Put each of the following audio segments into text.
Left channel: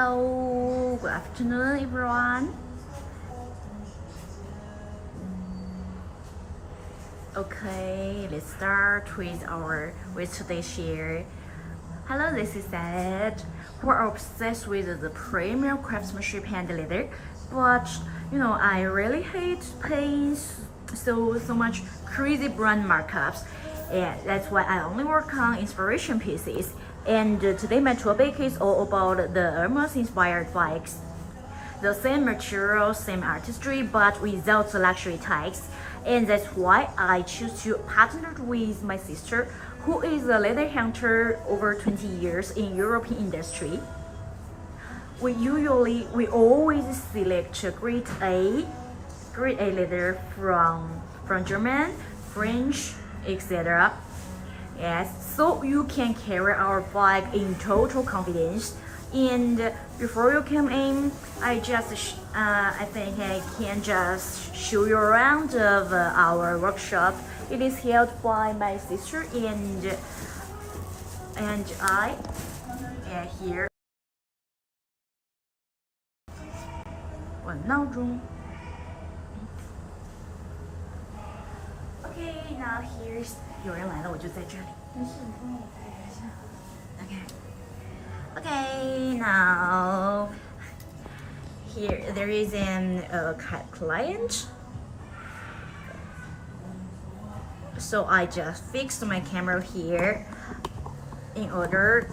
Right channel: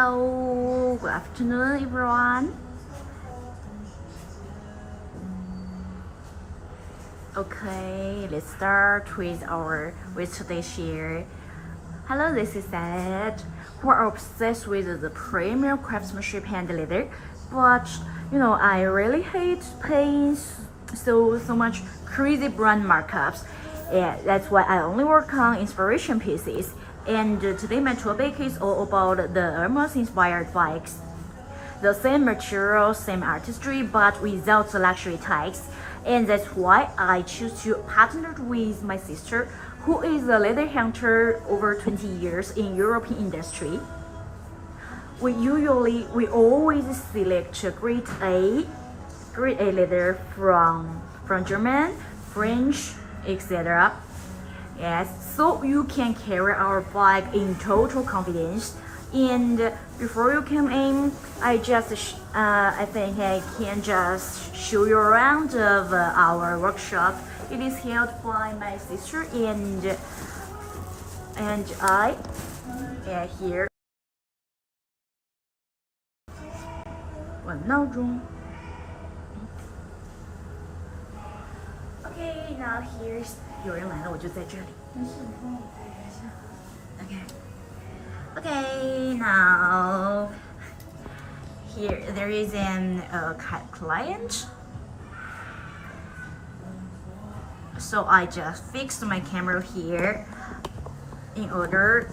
Hello, good afternoon, everyone. Okay, let's start with today's share. Hello, this is Ed, who are obsessed with the premium craftsmanship hand leather, but I really hate paying so much crazy brand markups. Yeah, that's why I only work on inspiration pieces. And today my topic is all about the Hermes inspired bikes. The same material, same artistry, but without the luxury tags. And that's why I choose to partner with my sister, who is a leather hunter over 20 years in European industry. We always select grade A leather from German, French, etc. Yes, so you can carry our bike in total confidence. And before you come in, I think I can just show you around of our workshop. It is held by my sister and I. Yeah, here. 我闹钟。Okay, now here's 有人来了，我就在这里。没事，你帮我拍一下。Okay, now here there is a client. So I just fixed my camera here in order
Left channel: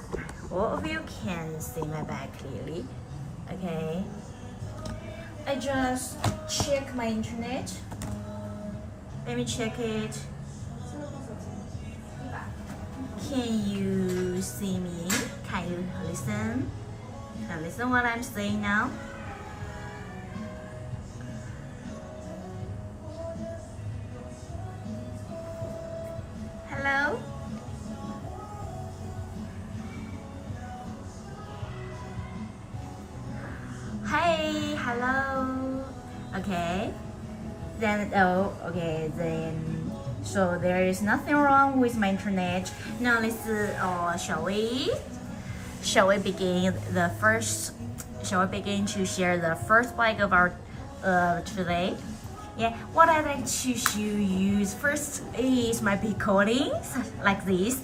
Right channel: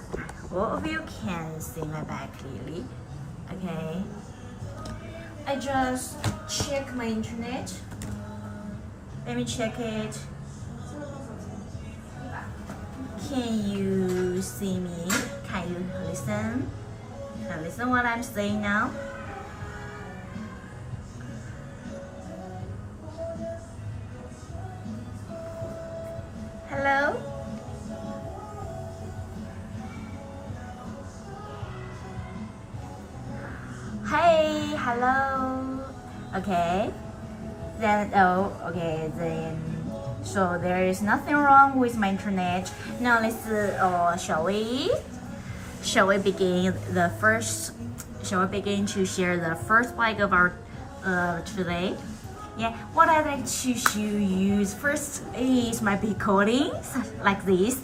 all of you can see my back clearly. Okay. I just check my internet. Let me check it. Can you see me? Can you listen? Can you listen what I'm saying now? Hello? Hey, hello. Okay. Then so there is nothing wrong with my internet. Now let's shall we begin to share the first bike of our today? Yeah, what I like to show you first is my big coatings like this.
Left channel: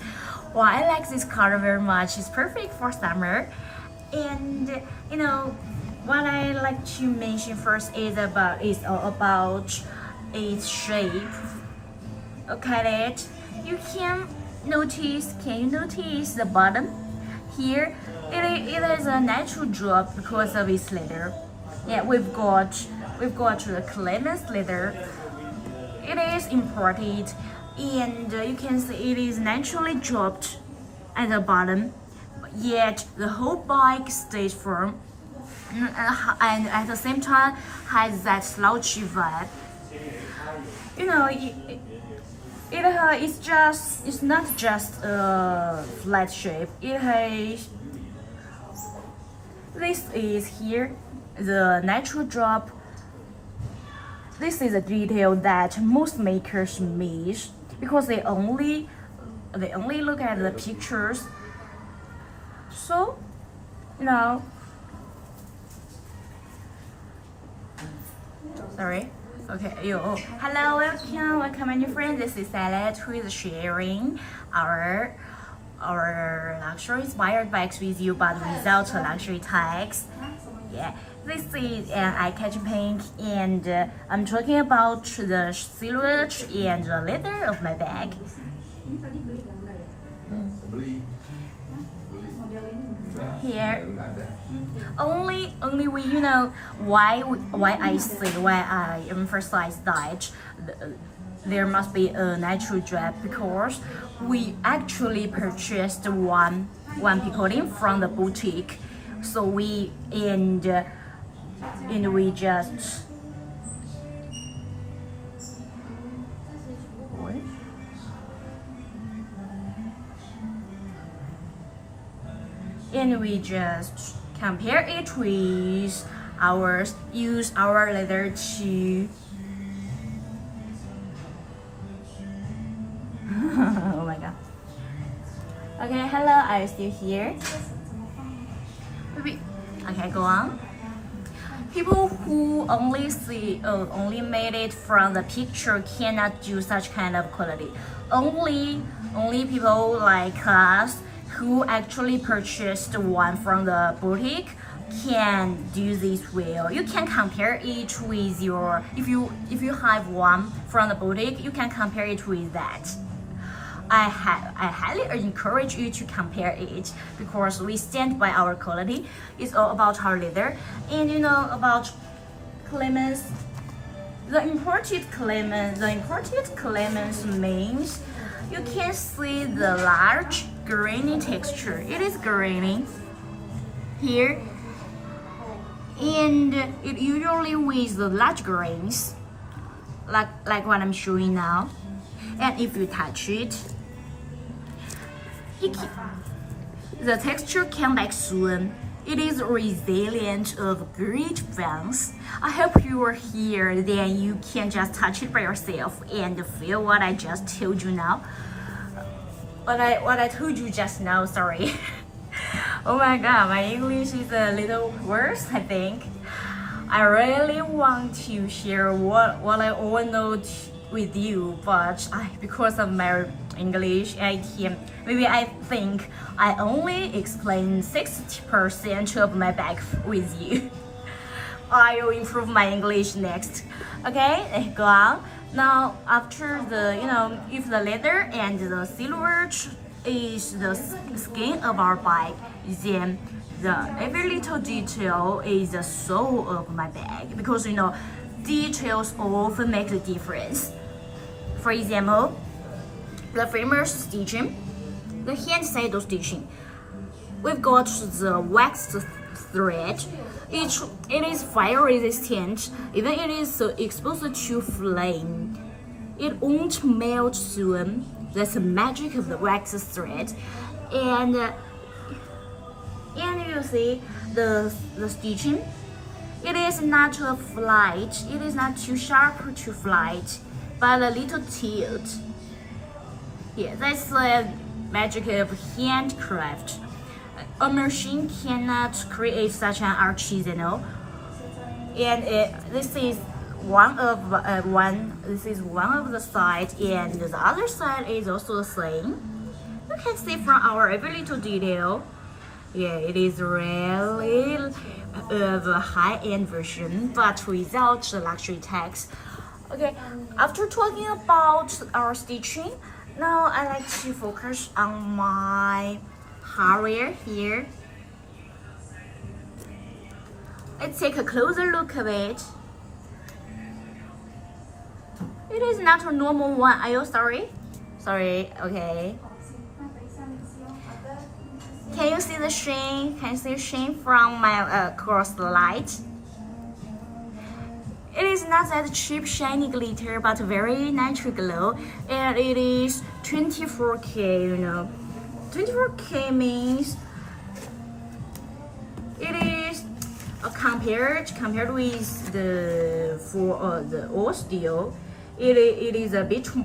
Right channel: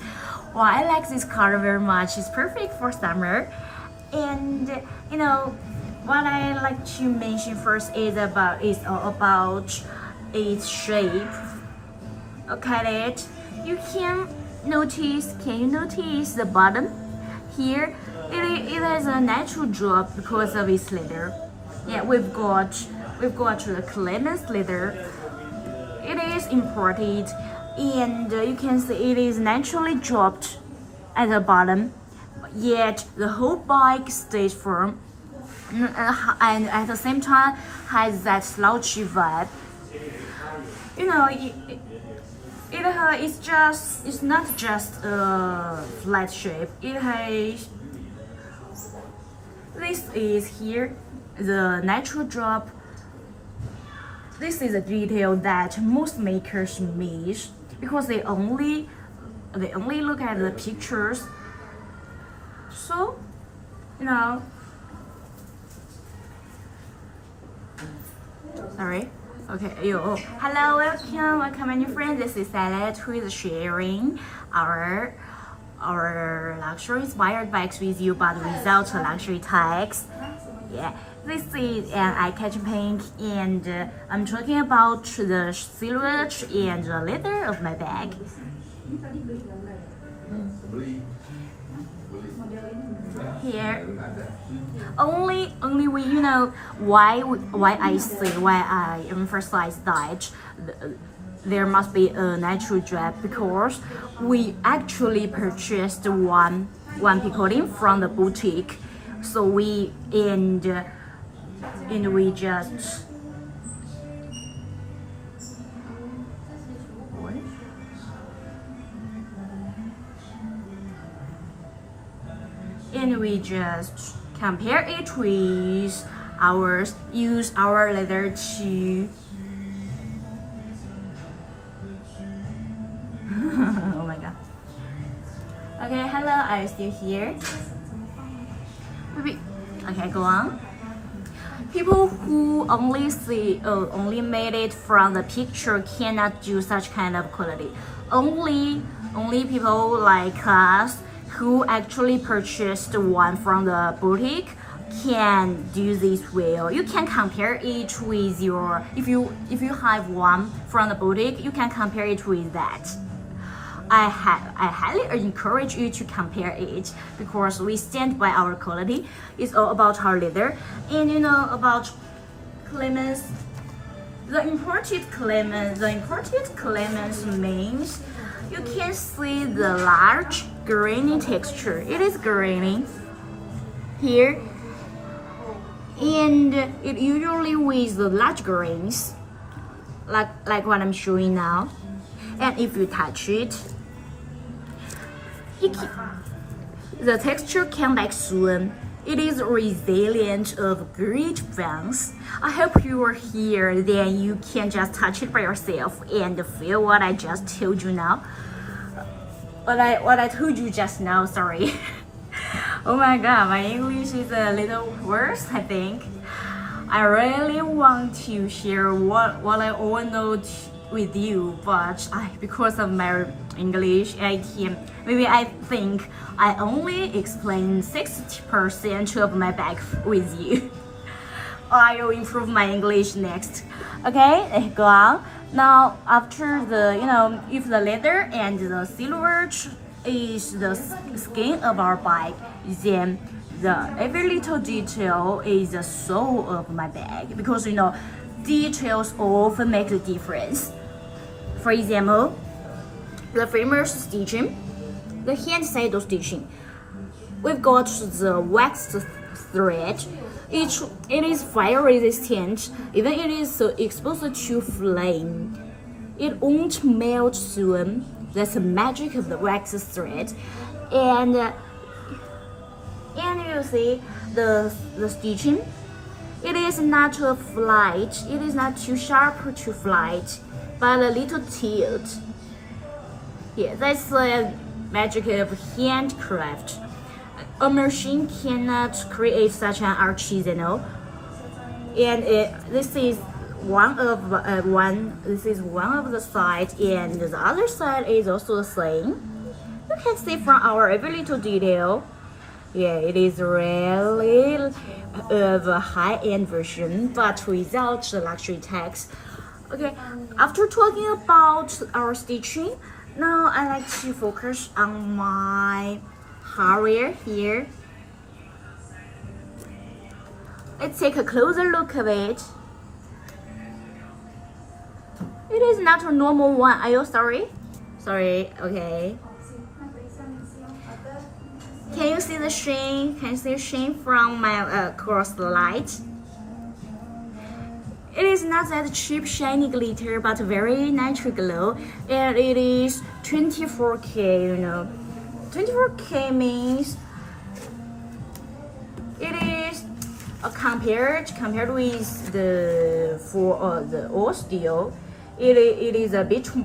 Well, I like this color very much. It's perfect for summer. And what I like to mention first is about its shape. Look at it. Can you notice the bottom? Here, it has a natural drop because of its leather. Yeah, we've got the Clemens leather. It is imported, and you can see it is naturally dropped at the bottom. Yet the whole bike stays firm, and at the same time has that slouchy vibe. It's not just a flat shape. This is here the natural drop. This is a detail that most makers miss because they only look at the pictures. So sorry. Okay, hello, welcome my new friend. This is Salad, who is sharing our luxury inspired bikes with you, but without luxury tags. Yeah, this is an eye-catching pink, and I'm talking about the silhouette and the leather of my bag. Here, only we why I emphasize that there must be a natural drop, because we actually purchased one picoting from the boutique. So we just compare it with ours, use our leather to oh my god. Okay, hello, are you still here? Maybe Okay, go on. People who only made it from the picture cannot do such kind of quality. Only people like us who actually purchased one from the boutique can do this well. You can compare it with your, if you have one from the boutique, you can compare it with that. I highly encourage you to compare it because we stand by our quality. It's all about our leather. And you know about Clemens, the imported Clemens means you can see the large grainy texture. It is grainy here, and it usually with the large grains, like what I'm showing now. And if you touch it, the texture came back soon. It is resilient of great fans. I hope you are here, then you can just touch it by yourself and feel what I just told you now. What I told you just now, sorry. Oh my god, my English is a little worse, I think. I really want to share what I all know with you, but because of my English, I think I only explain 60% of my bag with you. I will improve my English next. Okay, go on. Now, after the, if the leather and the silver is the skin of our bag, then every little detail is the soul of my bag, because details often make the difference. For example, the famous stitching, the hand saddle stitching. We've got the waxed thread. It is fire resistant, even it is so exposed to flame. It won't melt soon. That's the magic of the waxed thread. And you see the stitching. It is not a flight. It is not too sharp to flight, but a little tilt. Yeah, that's the magic of handcraft. A machine cannot create such an artisanal. And this is one of the side, and the other side is also the same. You can see from our every little detail. Yeah, it is really of a high-end version, but without the luxury tax. Okay, after talking about our stitching, now I like to focus on my hardware here. Let's take a closer look of it. It is not a normal one. Are you sorry? Sorry, okay. Can you see the sheen? Can you see the sheen from my cross light? It is not that cheap shiny glitter, but very natural glow, and it is 24K. 24K means it is compared with the old steel. It is a bit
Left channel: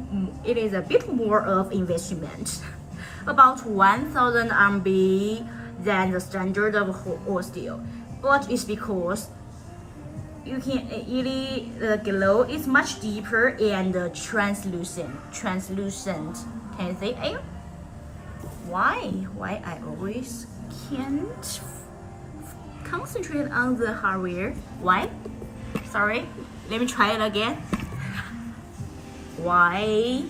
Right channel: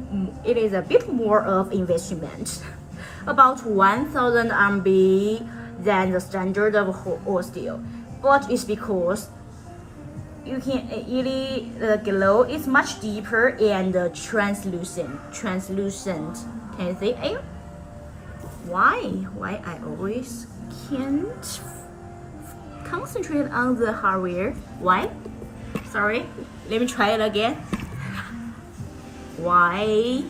more of investment, about 1,000 RMB than the standard of old steel, but it's because the glow is much deeper and translucent. Can you see? Why I always can't concentrate on the hardware? Why? Sorry, let me try it again. Why?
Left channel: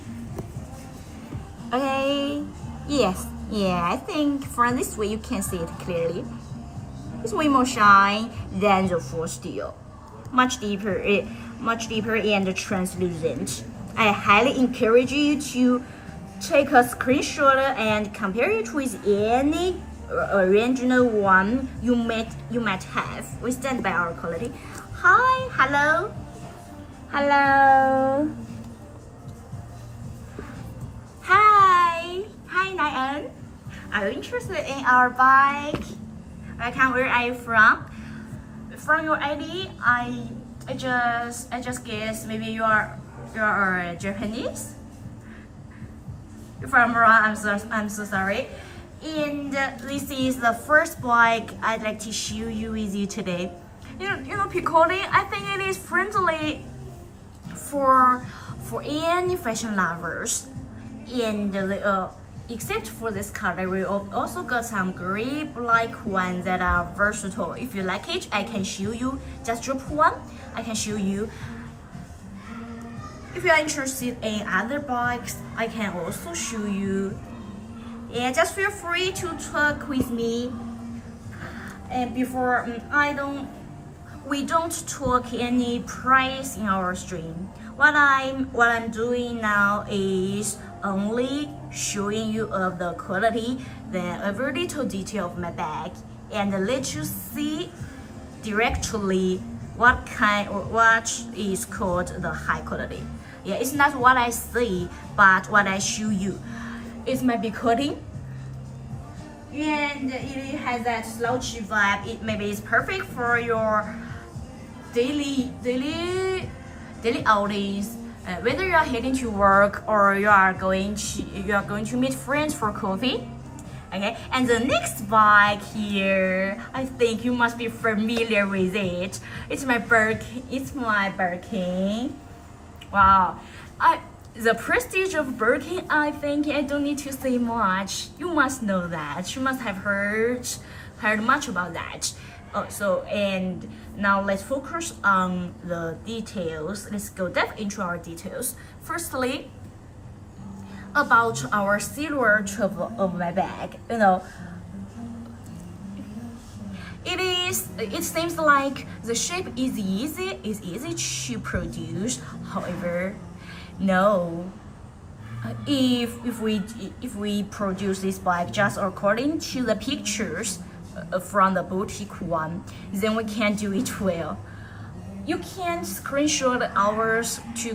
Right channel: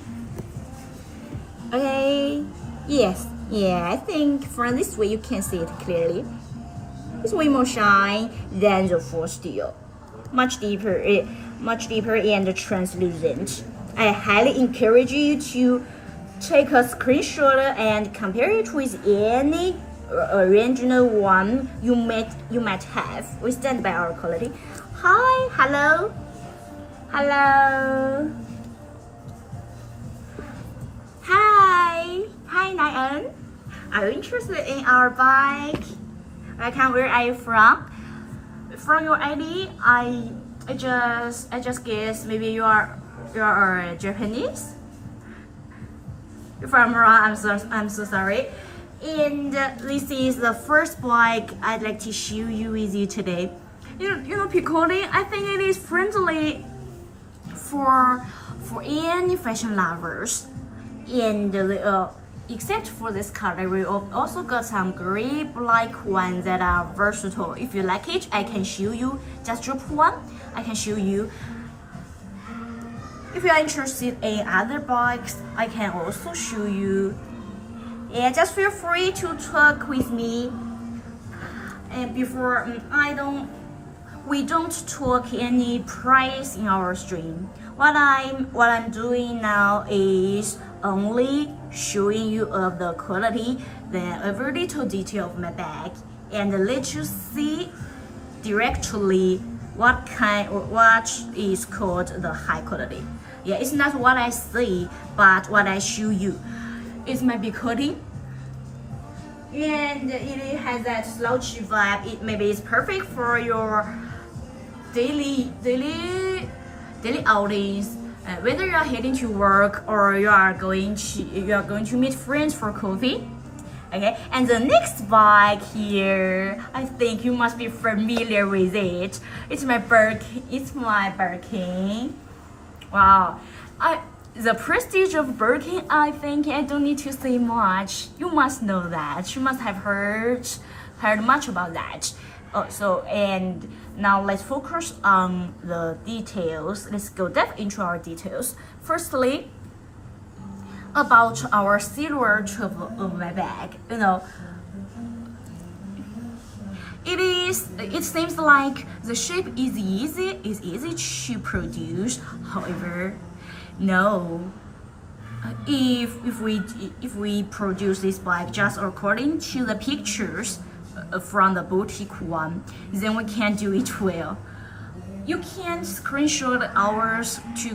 Okay, yes, yeah, I think from this way you can see it clearly. It's way more shine than the full steel. Much deeper and translucent. I highly encourage you to take a screenshot and compare it with any original one you might have. We stand by our quality. Hi, hello. Hi, Nayan. Are you interested in our bike? Where are you from? From your ID, I just guess maybe you are Japanese. If I'm wrong, I'm so sorry. And this is the first bike I'd like to share you with you today. Picoline, I think it is friendly for any fashion lovers. And except for this color, we also got some gray black ones that are versatile. If you like it, I can show you. Just drop one, I can show you. If you are interested in other bikes, I can also show you. Yeah, just feel free to talk with me. And before we don't talk any price in our stream. What I'm doing now is only showing you of the quality, then every little detail of my bag, and let you see directly what is called the high quality. Yeah, it's not what I say, but what I show you. It's my Picoline, and it has that slouchy vibe. Maybe it's perfect for your daily outings. Whether you are heading to work or you are going to meet friends for coffee. Okay, and the next bike here, I think you must be familiar with it. It's my Birkin. Wow, the prestige of Birkin, I think I don't need to say much. You must know that. You must have heard much about that. And now let's focus on the details. Let's go depth into our details. Firstly, about our silhouette of my bag. It seems like the shape is easy to produce. However, no. If we produce this bike just according to the pictures from the boutique one, then we can't do it well. You can screenshot ours to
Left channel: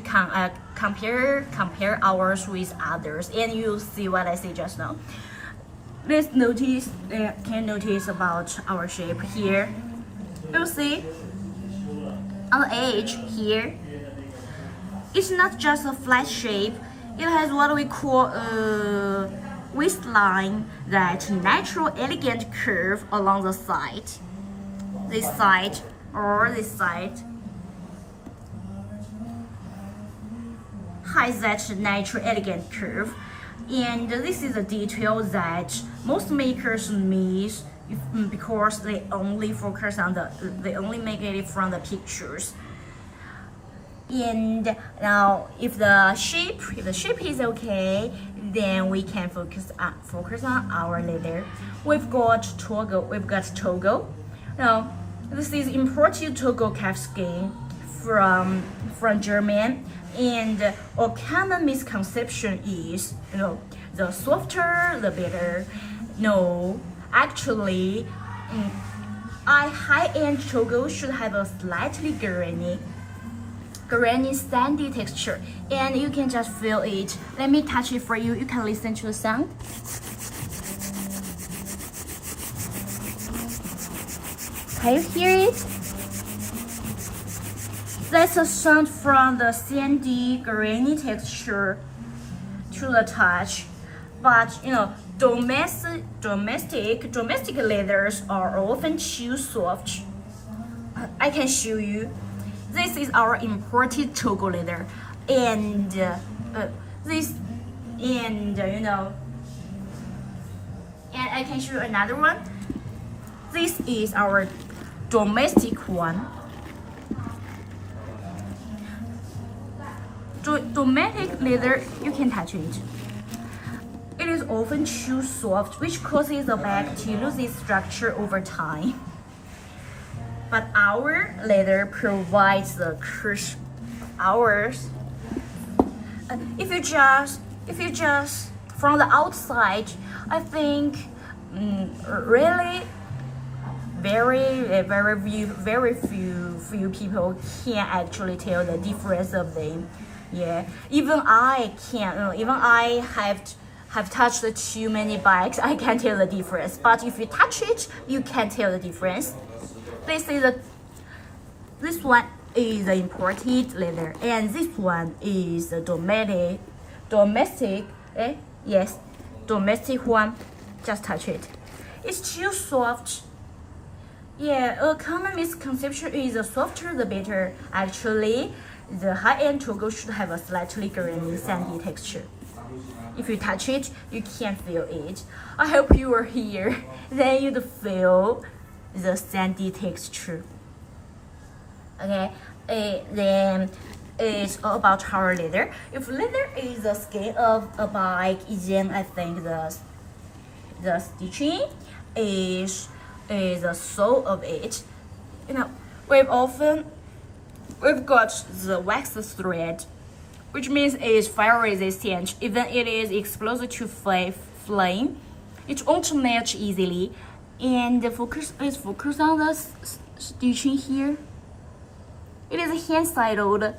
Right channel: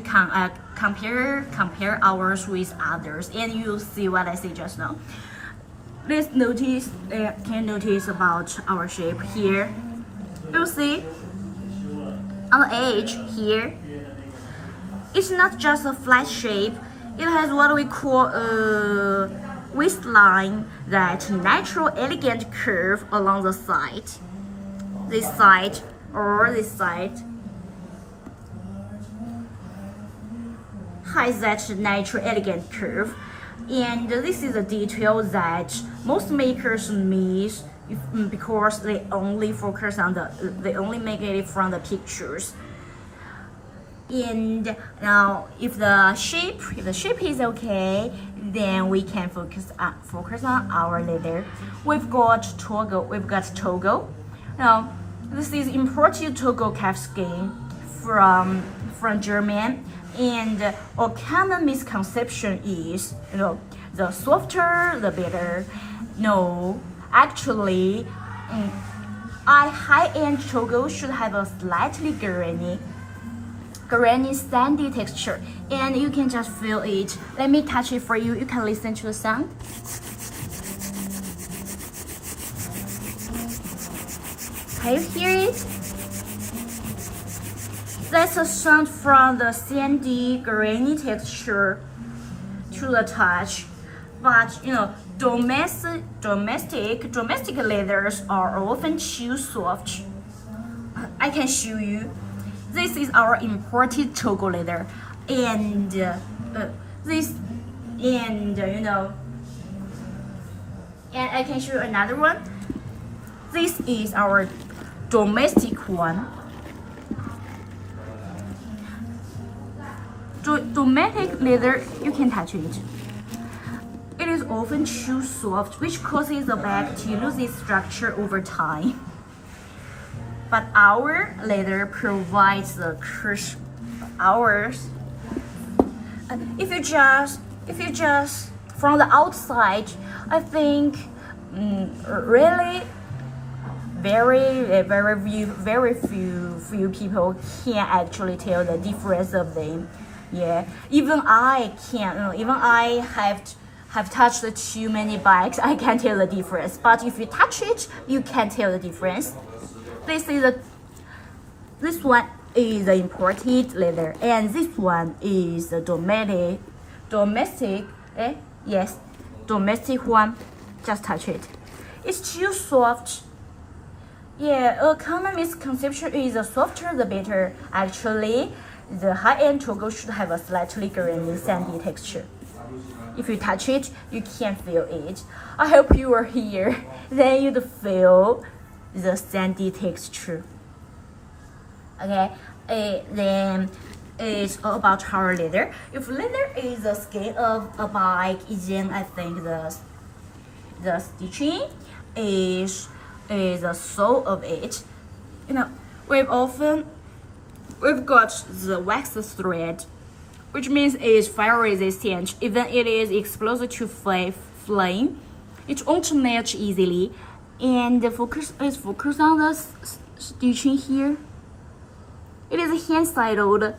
compare ours with others, and you'll see what I say just now. Let's notice about our shape here. You'll see on the edge here, it's not just a flat shape. It has what we call a waistline, that natural elegant curve along the side. This side has that natural elegant curve, and this is a detail that most makers miss because they only focus on they only make it from the pictures. And now, if the shape is okay, then we can focus on our leather. We've got Togo. Now, this is imported Togo calfskin from Germany, and a common misconception is, the softer the better. No, actually, a high-end Togo should have a slightly grainy sandy texture, and you can just feel it. Let me touch it for you. You can listen to the sound. Can you hear it? That's a sound from the sandy grainy texture to the touch. But domestic leathers are often too soft. I can show you. This is our imported Togo leather, and and I can show you another one. This is our domestic one. Domestic leather, you can touch it. It is often too soft, which causes the bag to lose its structure over time. But our leather provides the crisp. If you just from the outside, I think really very few people can actually tell the difference of them. Yeah, even I can't. Even I have touched too many bikes, I can't tell the difference. But if you touch it, you can tell the difference. This one is the imported leather, and this one is the domestic one. Just touch it. It's too soft. Yeah, a common misconception is the softer the better. Actually, the high-end Togo should have a slightly grainy, sandy texture. If you touch it, you can feel it. I hope you are here. Then you'd feel the sandy texture. Okay, then it's about our leather. If leather is the skin of a bike, then I think the stitching is the soul of it. You know, we've got the wax thread, which means it's fire resistant. Even it is exposed to flame, it won't match easily. And focus on the stitching here. It is hand-sided.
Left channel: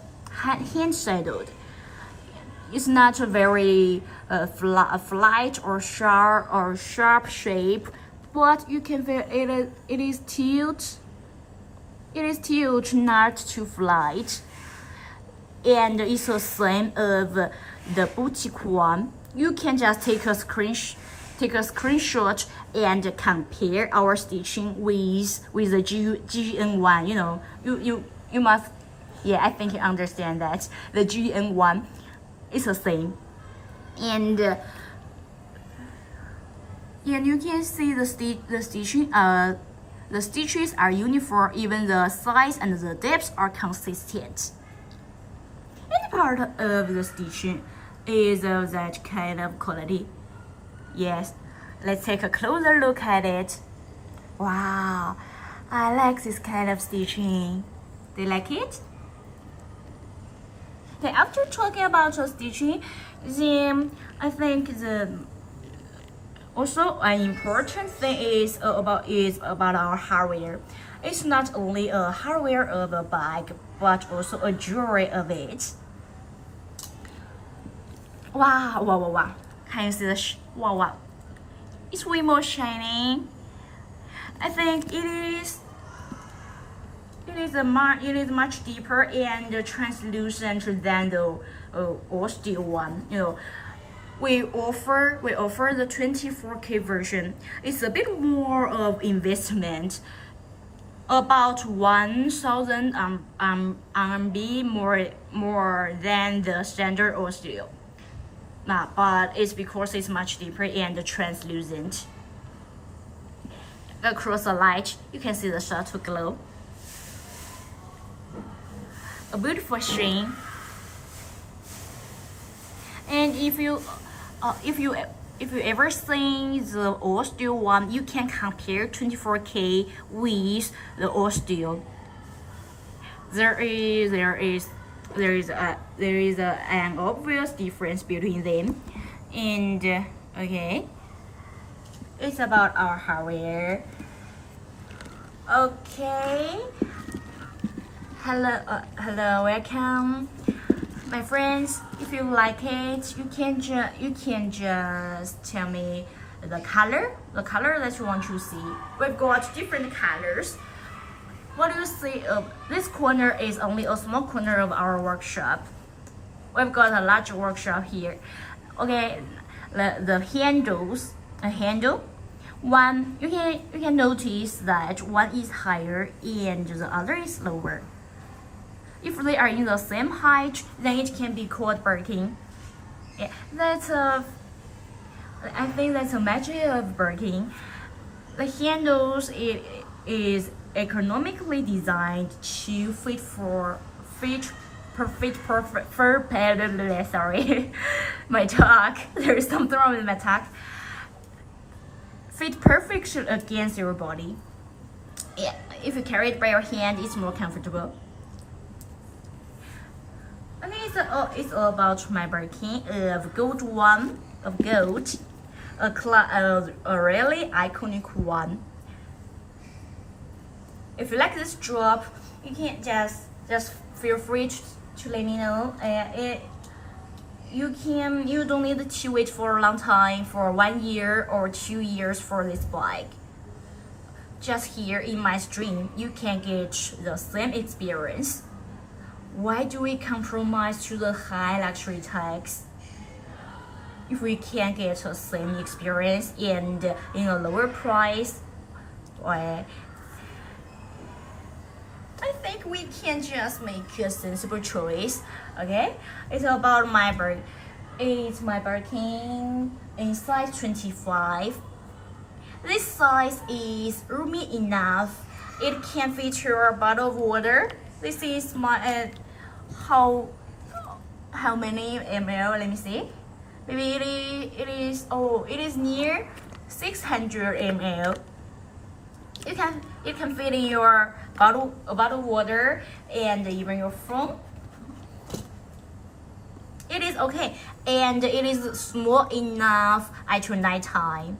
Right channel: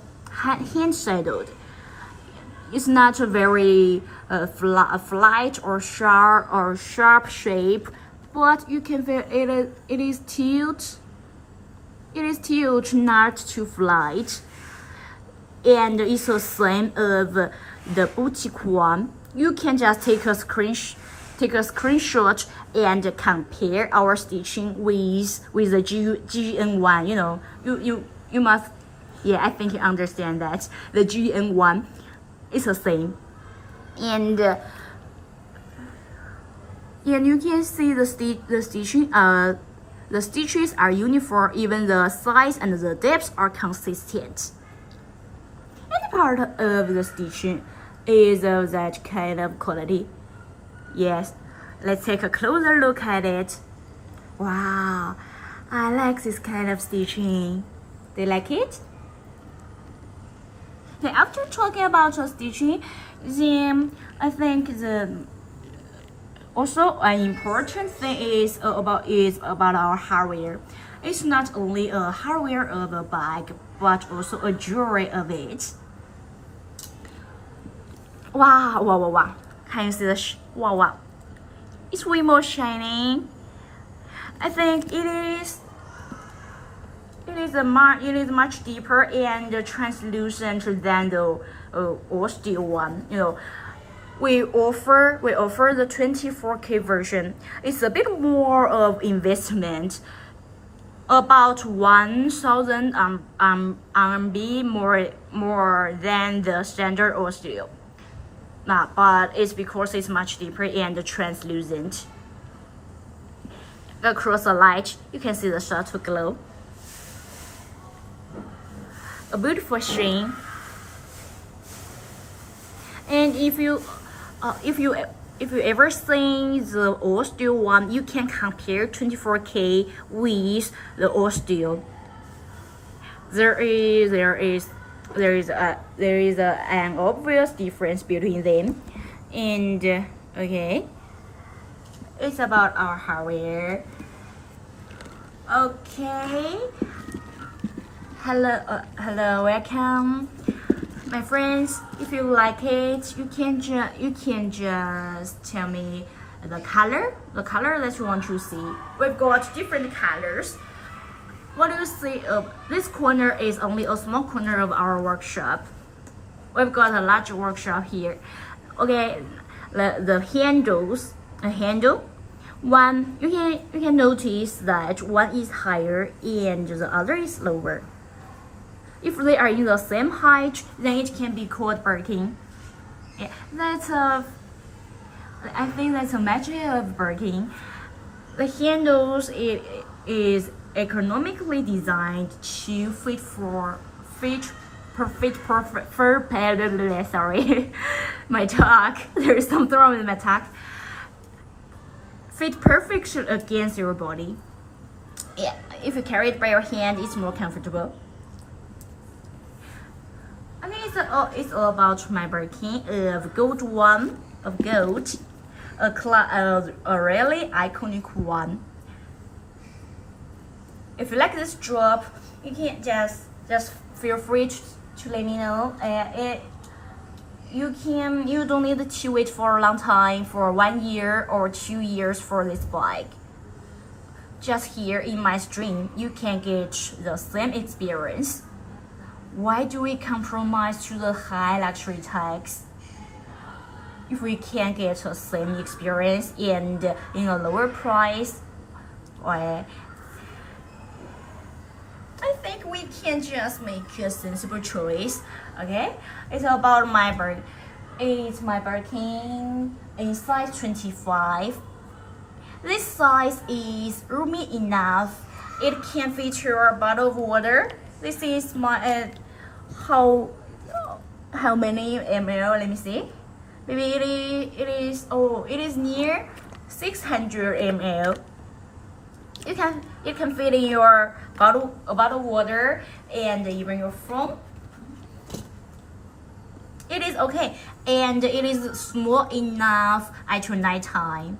It's not a very flat or sharp shape, but you can feel it is tilt. It is tilt, not too flat. And it's the same of the boutique one. You can just take a screenshot and compare our stitching with the GN one. You know, you must, yeah, I think you understand that the GN one is the same. And you can see the stitching. The stitches are uniform. Even the size and the depth are consistent. And part of the stitching is of that kind of quality. Yes, let's take a closer look at it. Wow, I like this kind of stitching. Do you like it? Okay, after talking about the stitching, then I think also an important thing is about our hardware. It's not only a hardware of a bag, but also a jewelry of it. Wow! Can you see the wow? It's way more shiny. I think it is much deeper and translucent than the all steel one. You know, we offer the 24K version. It's a bit more of investment, about 1,000 RMB more than the standard all steel. But it's because it's much deeper and translucent. Across the light, you can see the subtle glow. A beautiful sheen. And if you ever seen the all steel one, you can compare 24K with the all steel. There is an obvious difference between them. And okay, it's about our hardware. Okay, hello, welcome, my friends. If you like it, you can just tell me the color that you want to see. We've got different colors. What do you see? This corner is only a small corner of our workshop. We've got a large workshop here. Okay, the handles, one you can notice that one is higher and the other is lower. If they are in the same height, then it can be called Birkin. Yeah, I think that's a magic of Birkin. The handles is economically designed to fit. Sorry, my talk. There is something wrong with my talk. Fit perfection against your body. Yeah, if you carry it by your hand, it's more comfortable. And it's all about my Birkin of gold, a really iconic one. If you like this drop, you can just feel free to let me know. You don't need to wait for a long time, for 1 year or 2 years for this bike. Just here in my stream, you can get the same experience. Why do we compromise to the high luxury tags? if we can get the same experience and in a lower price, I think we can just make a sensible choice. Okay, it's about my Birkin in size 25. This size is roomy enough. It can feature a bottle of water. This is my how many ml? Let me see. Maybe it is near 600 ml. You can fit in your bottle of water and even your phone. It is okay, and it is small enough at night time.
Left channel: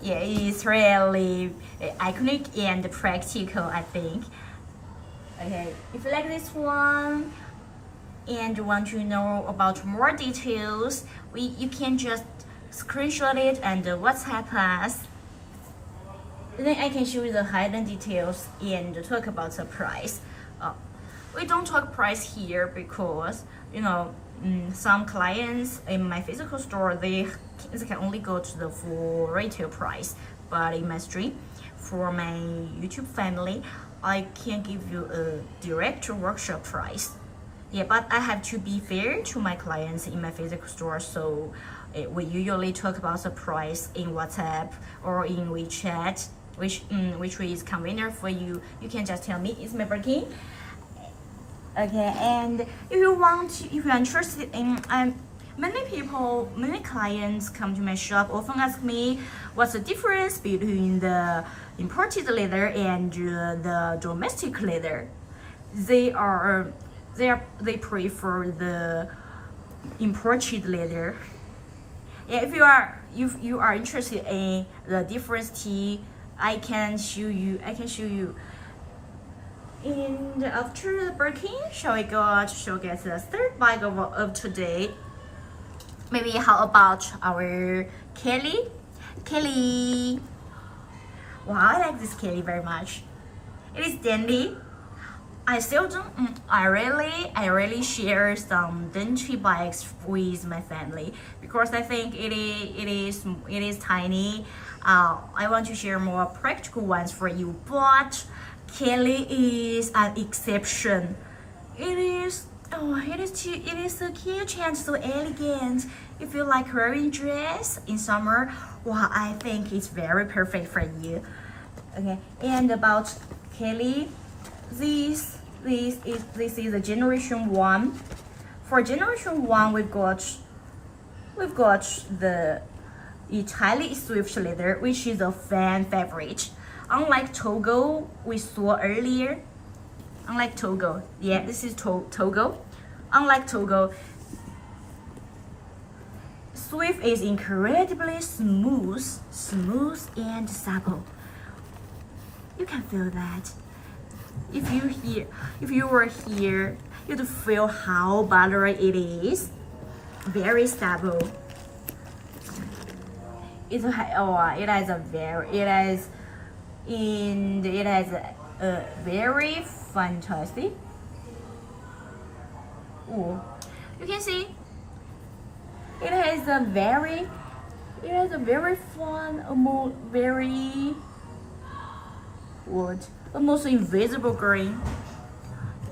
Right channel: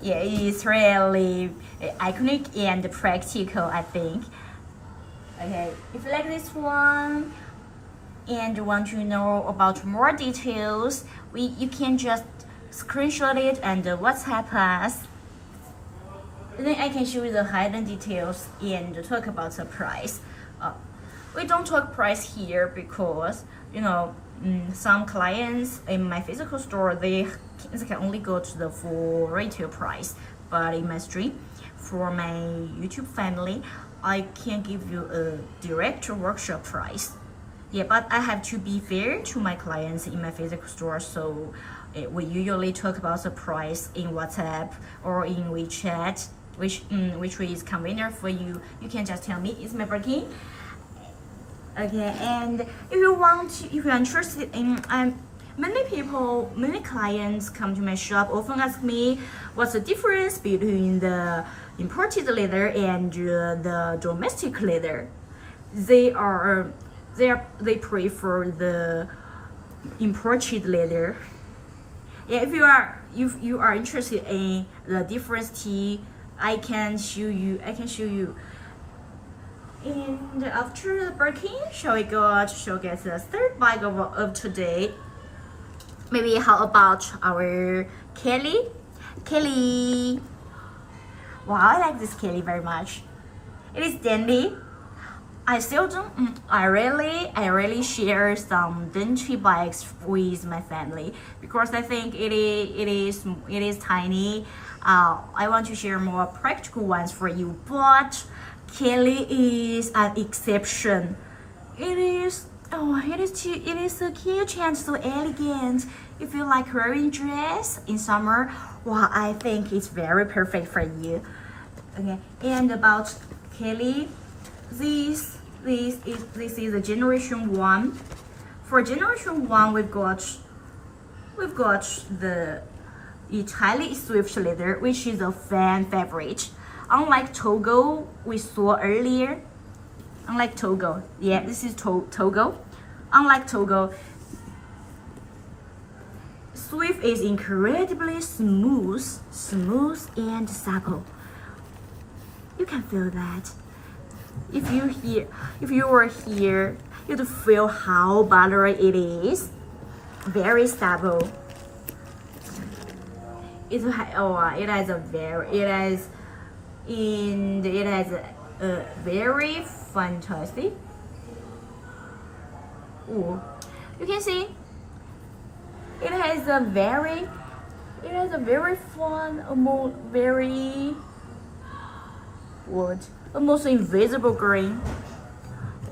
Yeah, it is really iconic and practical, I think. Okay, if you like this one and want to know about more details, you can just screenshot it and WhatsApp us. Then I can show you the hidden details and talk about the price. We don't talk price here because some clients in my physical store they can only go to the full retail price, but in my stream for my YouTube family I can give you a direct workshop price. Yeah, but I have to be fair to my clients in my physical store, so we usually talk about the price in WhatsApp or in WeChat, which is convenient for you. You can just tell me it's my Birkin. Okay, and if you're interested in, many clients come to my shop often ask me what's the difference between the imported leather and the domestic leather. They prefer the imported leather. Yeah, if you are interested in the difference, I can show you. And after the Birkin, shall we get the third bag of today? Maybe how about our Kelly? Kelly. Wow, I like this Kelly very much. It is dandy. I really share some dainty bags with my family because I think it is tiny. I want to share more practical ones for you, but Kelly is an exception. It is so cute and so elegant. If you like wearing dress in summer, well, I think it's very perfect for you. Okay, and about Kelly, this is the generation 1. For generation 1, we've got the Italian Swift leather, which is a fan favorite. Unlike Togo we saw earlier, this is Togo. Unlike Togo, Swift is incredibly smooth and supple. You can feel that. If you were here, you'd feel how buttery it is. Very supple. It has a very fantastic. Oh, you can see it has a very fun, almost invisible green.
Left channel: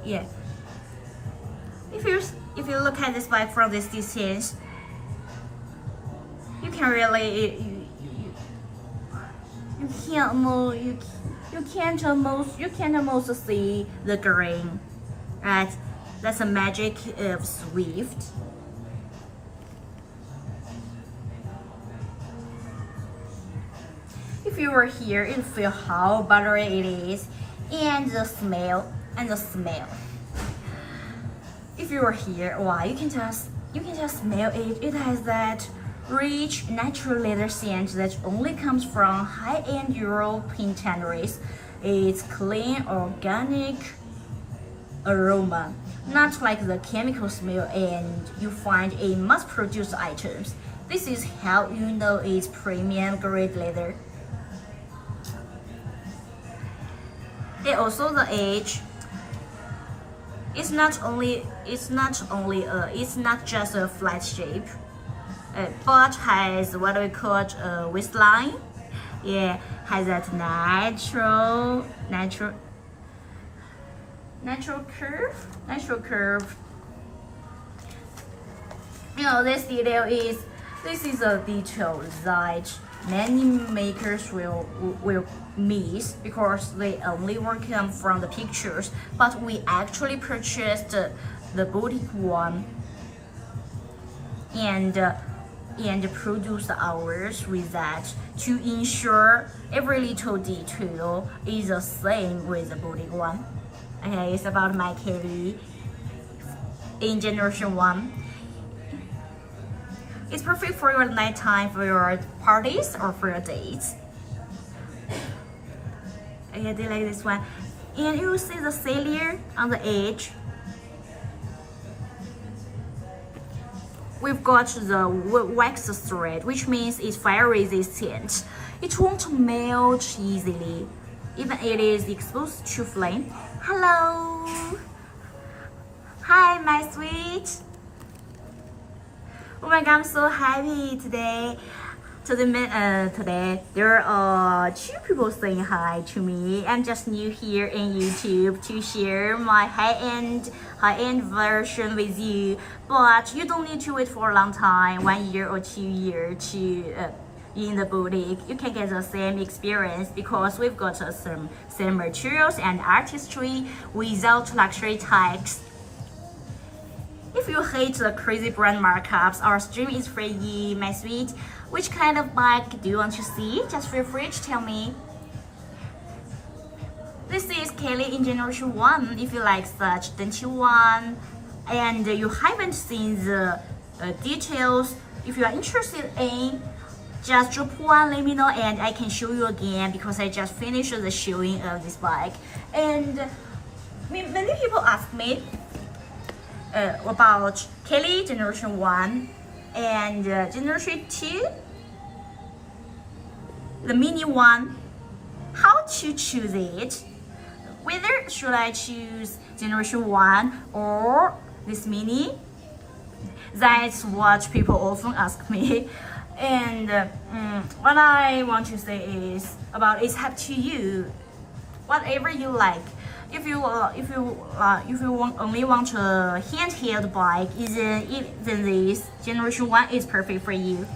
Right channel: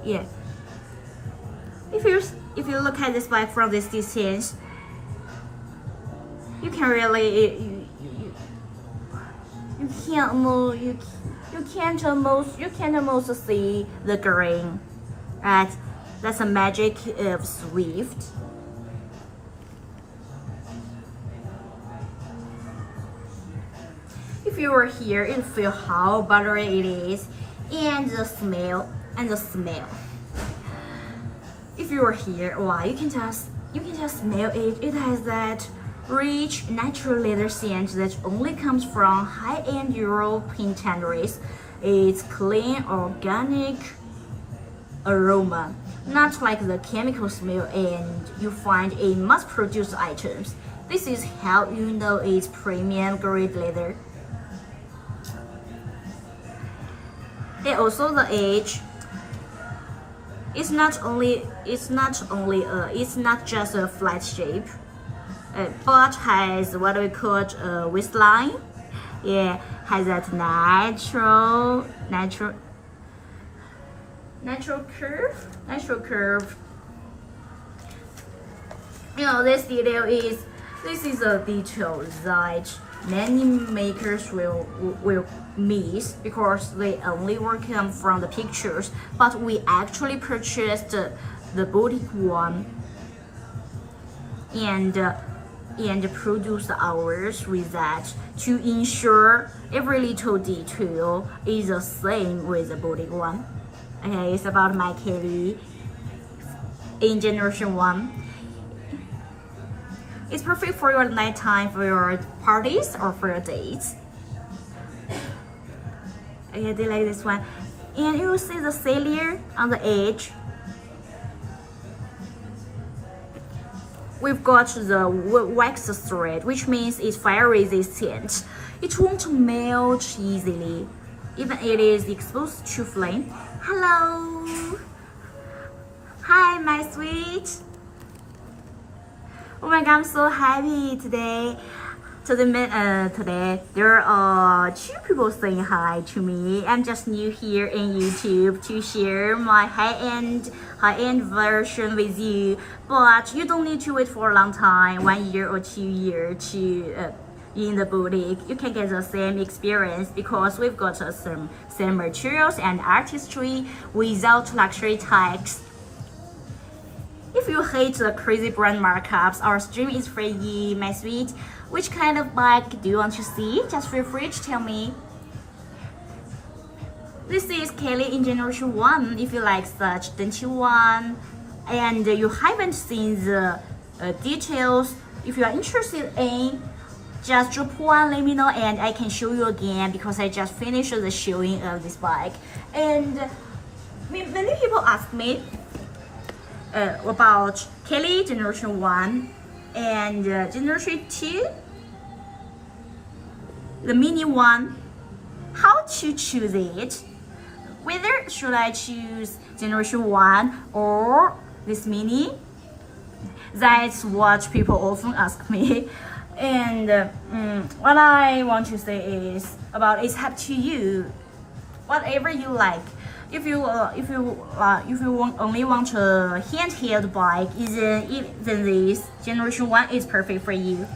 Yeah. If you look at this bag from this distance, you can really you can't almost see the green, right? That's the magic of Swift. If you were here, you'd feel how buttery it is, and the smell. If you were here, wow, you can just smell it. It has that rich natural leather scent that only comes from high-end European tanneries. It's clean, organic aroma, not like the chemical smell and you find in mass-produced items. This is how you know it's premium grade leather. And also the age. It's not just a flat shape, but has what we call a waistline. Yeah, has that natural curve. You know, this is a detail that many makers will miss because they only work on from the pictures, but we actually purchased the boutique one and produced ours with that to ensure every little detail is the same with the boutique one. Okay, it's about my Kelly in generation 1. It's perfect for your nighttime, for your parties, or for your dates. Okay, they like this one. And you will see the cellular on the edge. We've got the wax thread, which means it's fire resistant. It won't melt easily, even it is exposed to flame. Hello! Hi, my sweet! Oh my god, I'm so happy today. Today there are 2 people saying hi to me. I'm just new here in YouTube to share my high-end version with you. But you don't need to wait for a long time, 1 year or 2 years to in the boutique. You can get the same experience because we've got some same materials and artistry without luxury tags. If you hate the crazy brand markups, our stream is for you, my sweet. Which kind of bike do you want to see? Just feel free to tell me. This is Kelly in generation 1. If you like such dainty one and you haven't seen the details, if you are interested in, just drop one, let me know, and I can show you again because I just finished the showing of this bike. And many people ask me about Kelly generation 1 and generation 2, the mini one. How to choose it? Whether should I choose generation 1 or this mini? That's what people often ask me. And what I want to say is it's up to you. Whatever you like. If you only want a handheld bike, then this generation 1 is perfect for you.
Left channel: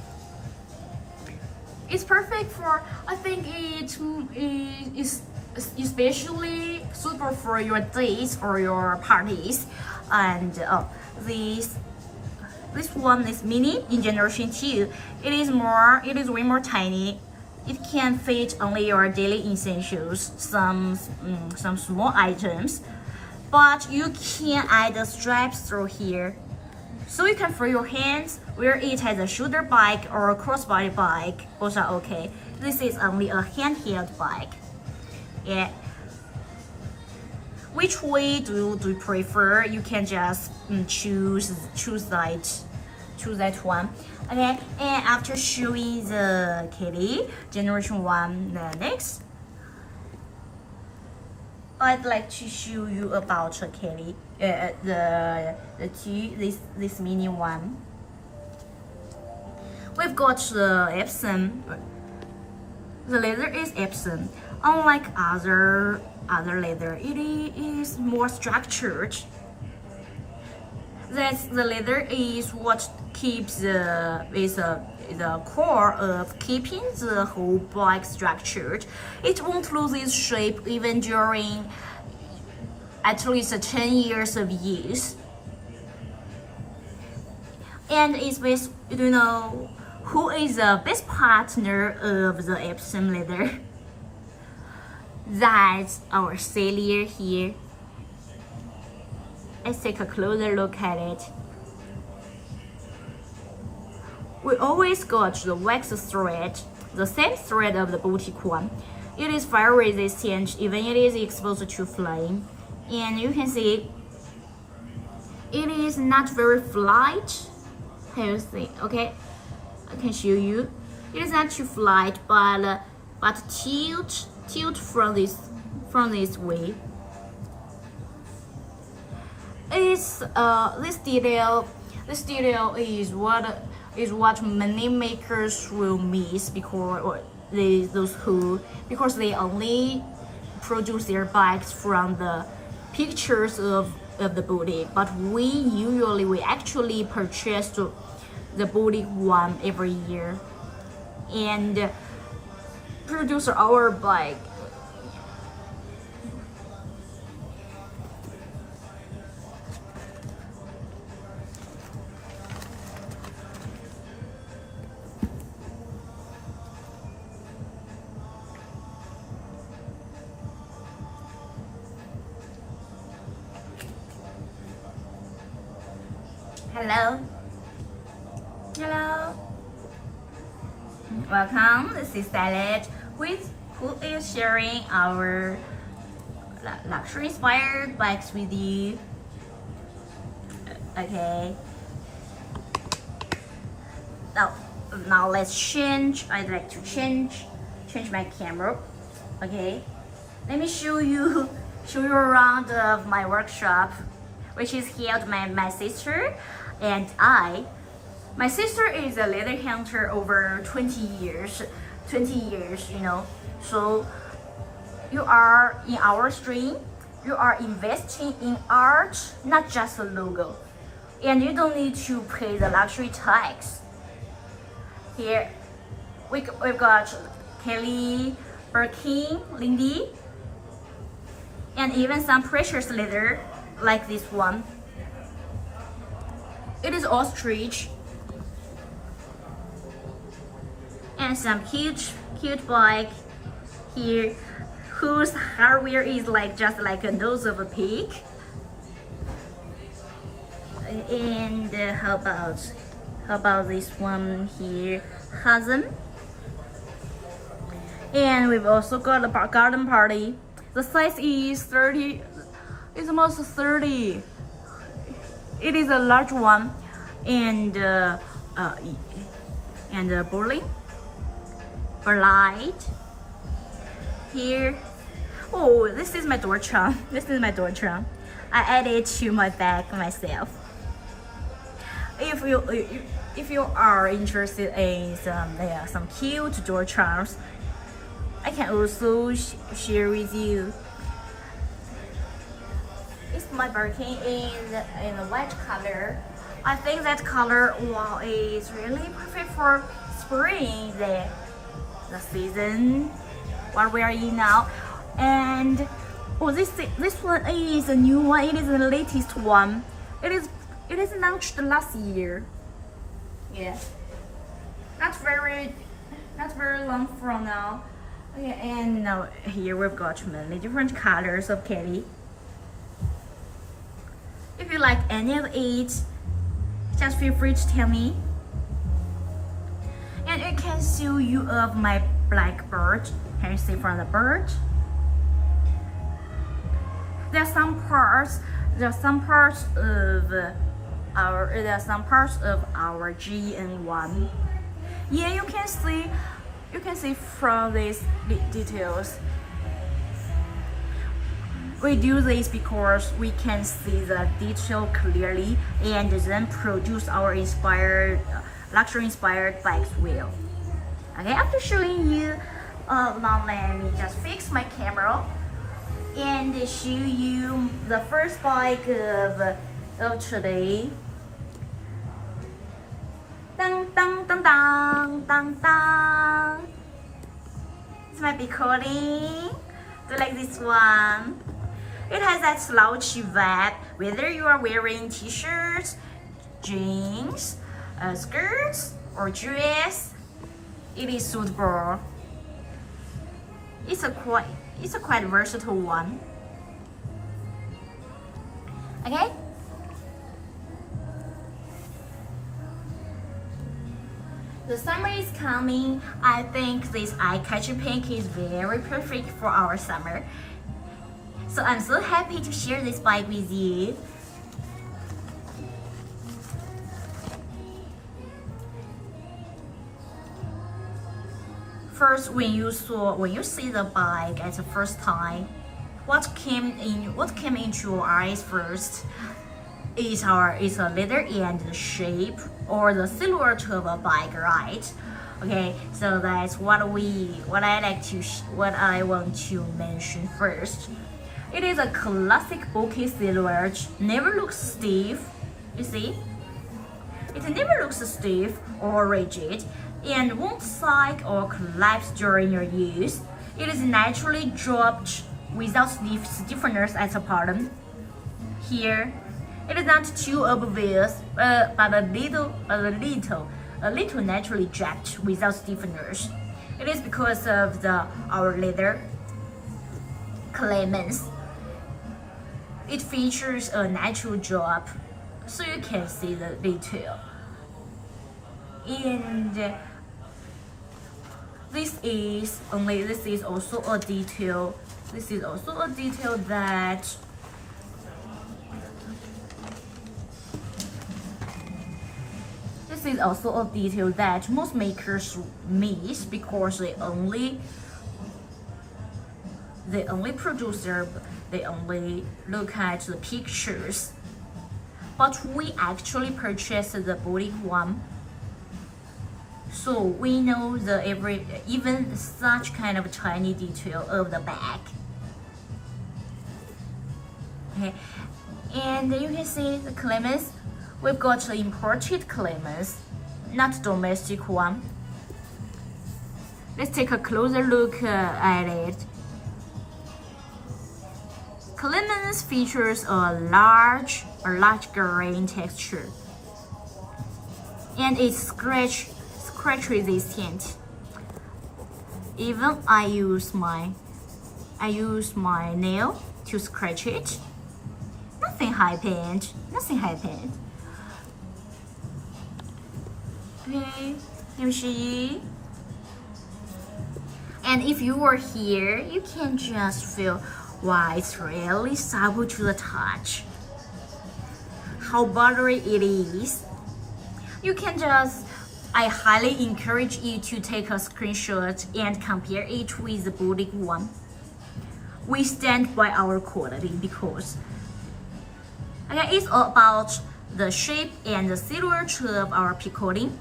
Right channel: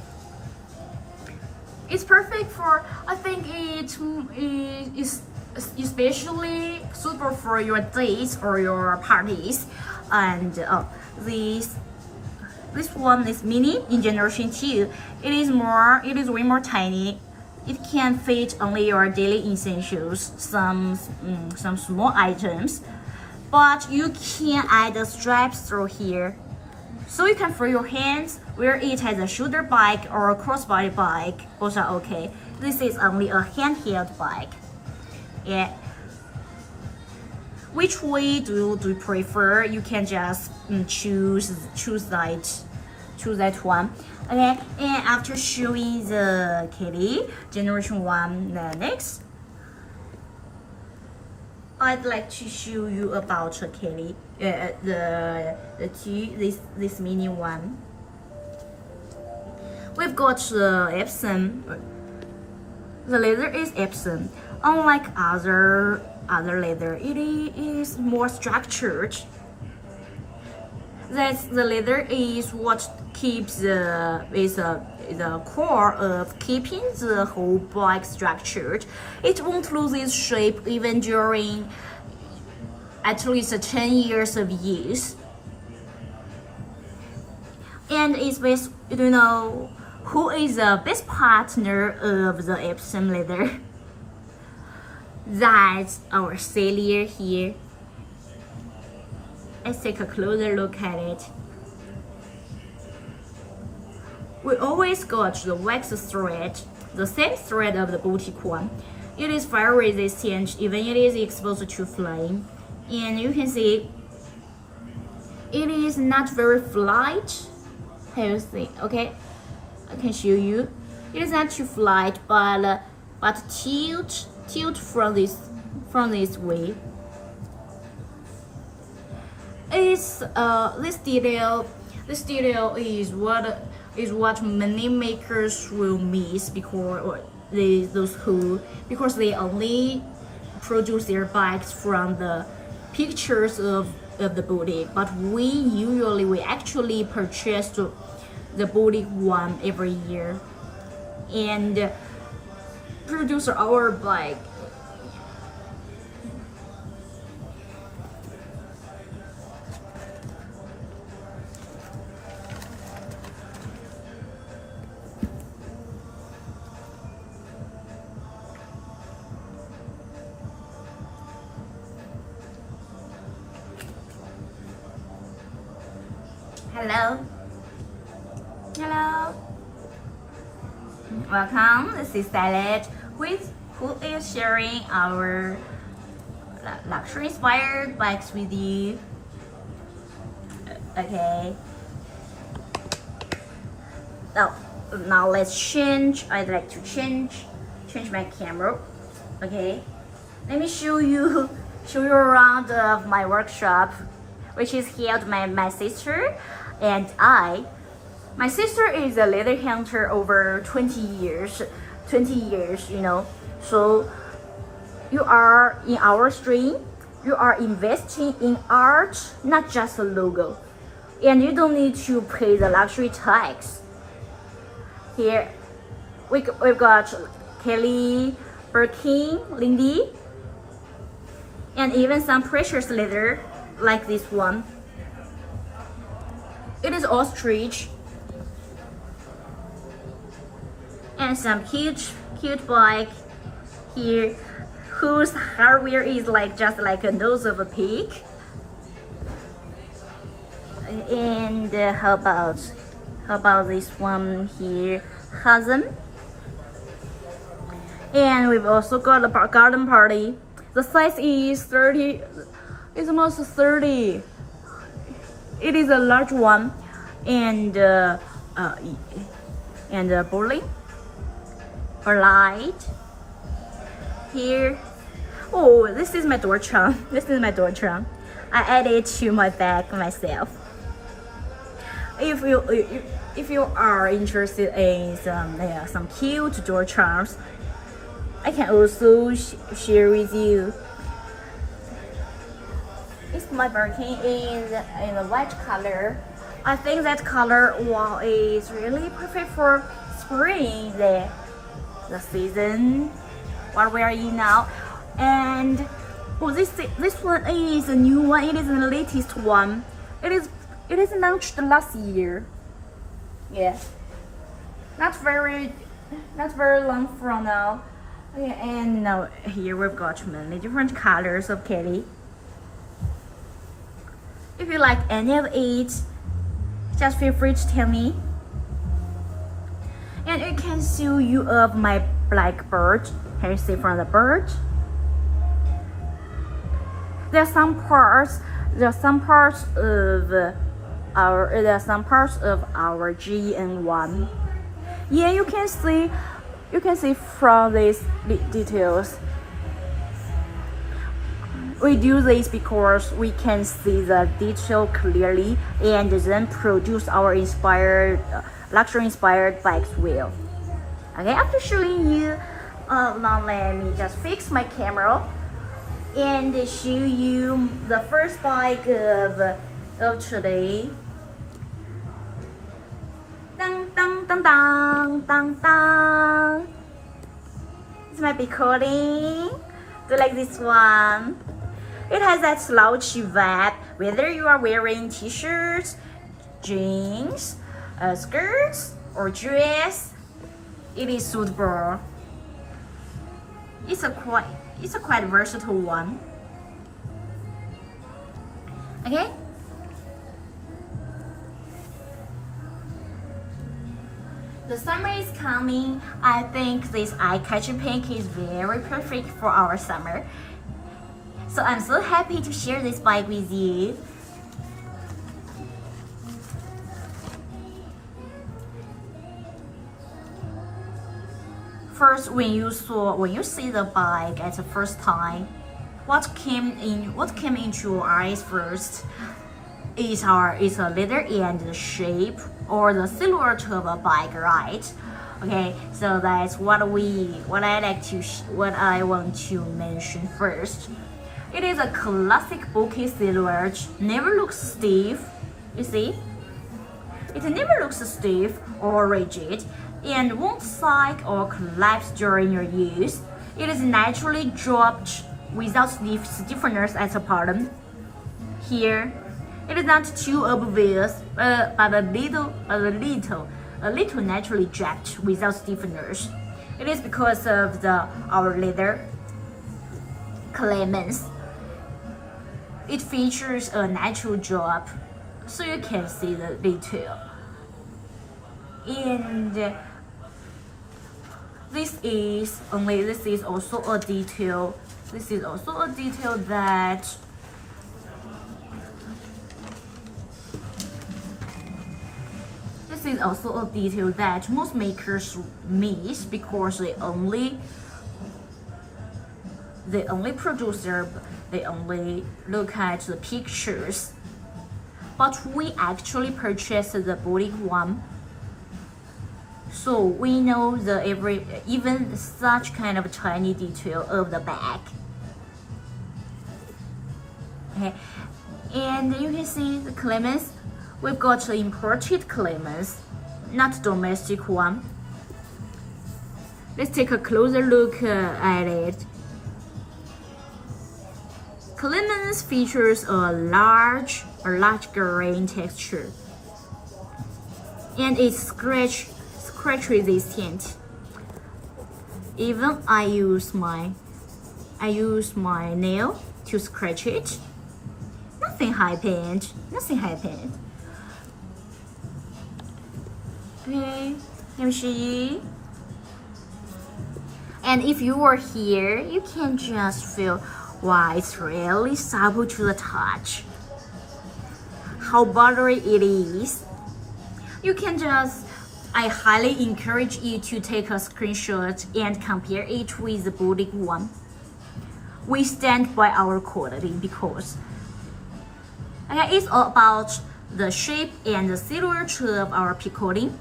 It's perfect for, I think it is especially suitable for your dates or your parties. And this one is mini in generation 2. It is way more tiny. It can fit only your daily essentials, some small items, but you can add the straps through here, so you can free your hands. Where it has a shoulder bike or a crossbody bike, both are okay. This is only a handheld bike. Yeah. Which way do you prefer? You can just choose that one. Okay, and after showing the Kelly generation 1, next I'd like to show you about Kelly, this mini one. We've got the Epson. The leather is Epson. Unlike other leather, it is more structured. The leather is what keeps the core of keeping the whole bike structured. It won't lose its shape even during at least 10 years of use. And it's based, who is the best partner of the Epson leather? That's our cellular here. Let's take a closer look at it. We always got the wax thread, the same thread of the boutique one. It is fire resistant, even it is exposed to flame. And you can see it is not very flat. Can you see? Okay, I can show you. It is not too flat, but tilt from this way. It's this detail is what many makers will miss because they only produce their bikes from the pictures of the boutique, but we actually purchase the boutique one every year and produce our bike. Hello. Hello. Welcome. This is Salad, who is sharing our luxury inspired bikes with you. Okay. Now let's change. I'd like to change my camera. Okay. Let me show you around of my workshop, which is held by my sister and I. My sister is a leather hunter over 20 years, you know. So you are in our stream, you are investing in art, not just a logo. And you don't need to pay the luxury tax. Here we've got Kelly, Birkin, Lindy, and even some precious leather like this one. It is ostrich. And some cute bike here whose hardware is just like a nose of a pig. And how about this one here, Hazen. And we've also got a garden party. The size is 30. It's almost 30. It is a large one, and bowling or light here. Oh, this is my door charm. I added it to my bag myself. If you are interested in some cute door charms, I can also share with you. My Birkin is in a white color. I think that color is really perfect for spring, the season what we are in now. And this one is a new one. It is the latest one. It is launched last year. Yeah, not very long from now. Okay, and now here we've got many different colors of Kelly. If you like any of it, just feel free to tell me. And I can show you of my black bird. Can you see from the bird? There are some parts of our GN1. Yeah, you can see from these details. We do this because we can see the detail clearly and then produce our luxury inspired bikes well. Okay, after showing you, now let me just fix my camera and show you the first bike of today. Dang dang dang dang dang dang. This might be coding. Do you like this one? It has that slouchy vibe, whether you are wearing t-shirts, jeans, skirts, or dress. It is suitable. It's a quite versatile one. Okay. The summer is coming. I think this eye-catching pink is very perfect for our summer. So I'm so happy to share this bike with you. First, when you see the bike at the first time, what came into your eyes first? is a leather and the shape or the silhouette of a bike, right? Okay, so that's what I want to mention first. It is a classic bulky silhouette, never looks stiff, you see? It never looks stiff or rigid and won't sag or collapse during your use. It is naturally dropped without stiffness at the bottom. Here, it is not too obvious, but a little naturally jacked without stiffness. It is because of our leather Clemens. It features a natural drop, so you can see the detail. And this is also a detail. This is also a detail that most makers miss because they only look at the pictures. But we actually purchased the boutique one, so we know even such kind of tiny detail of the bag. Okay, and you can see the Clemens. We've got the imported Clemens, not domestic one. Let's take a closer look at it. Clemens features a large grain texture, and it's scratch resistant. Even I use my nail to scratch it. Nothing happened. Okay, let me show you. And if you are here, you can just feel why it's really supple to the touch. How buttery it is. I highly encourage you to take a screenshot and compare it with the boutique one. We stand by our quality because it's all about the shape and the silhouette of our picoting.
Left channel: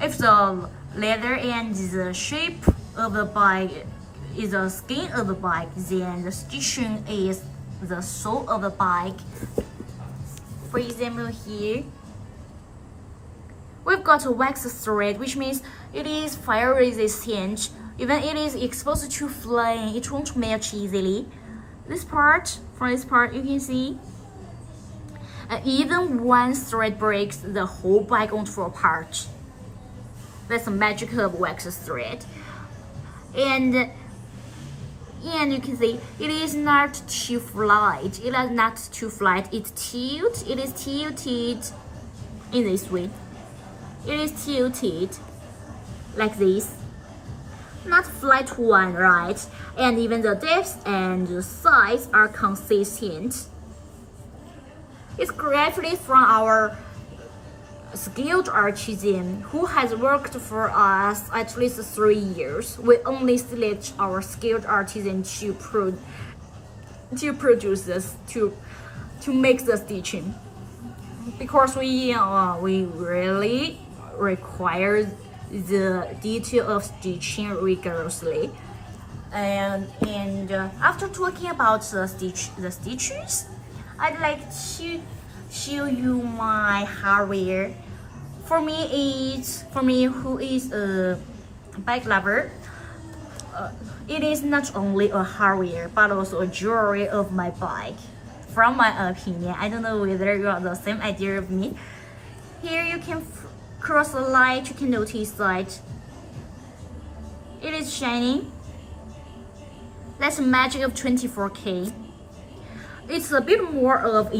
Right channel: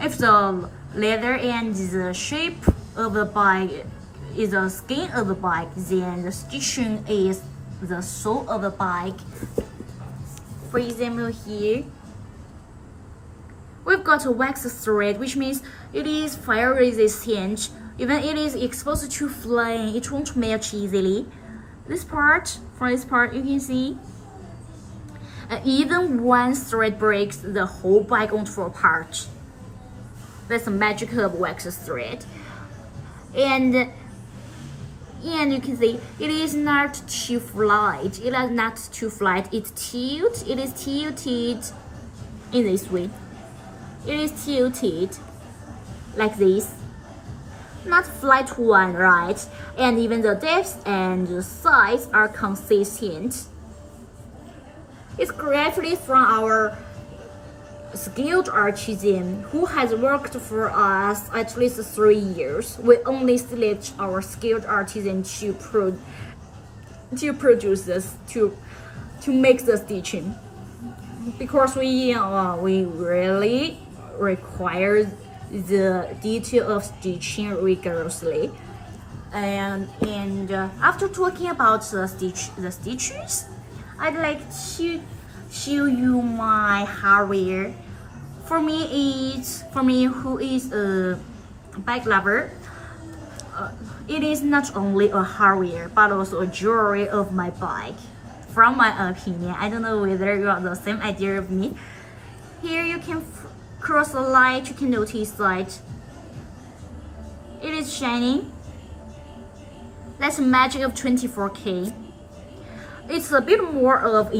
If the leather and the shape of the bike is the skin of the bike, then the stitching is the sole of the bike. For example, here we've got a wax thread, which means it is fire resistant. Even it is exposed to flame, it won't melt easily. From this part, you can see. Even one thread breaks, the whole bike won't fall apart. That's the magic of wax thread. And you can see it is not too flat. It is tilted in this way. It is tilted like this. Not flat one, right? And even the depth and the size are consistent. It's created from our skilled artisan who has worked for us at least 3 years. We only select our skilled artisan to produce this, to make the stitching, because we really require the detail of stitching rigorously. And after talking about the stitches, I'd like to show you my hardware. For me, who is a bike lover, it is not only a hardware but also a jewelry of my bike. From my opinion, I don't know whether you have the same idea of me. Here you can cross the light. You can notice that it is shining. That's the magic of 24K. It's a bit more of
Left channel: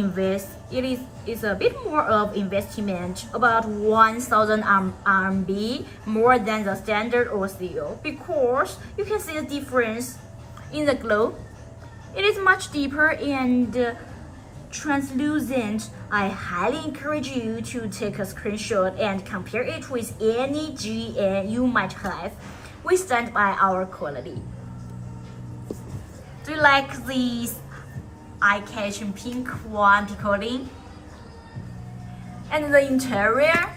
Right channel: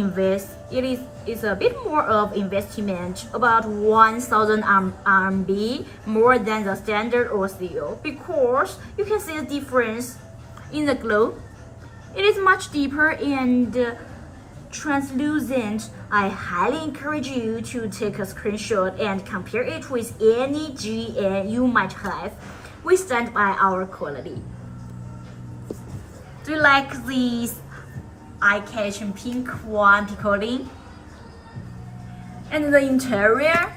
investment, about 1,000 RMB more than the standard OCO, because you can see the difference in the glow. It is much deeper and translucent. I highly encourage you to take a screenshot and compare it with any GN you might have. We stand by our quality. Do you like these eye-catching pink one picoting. And the interior,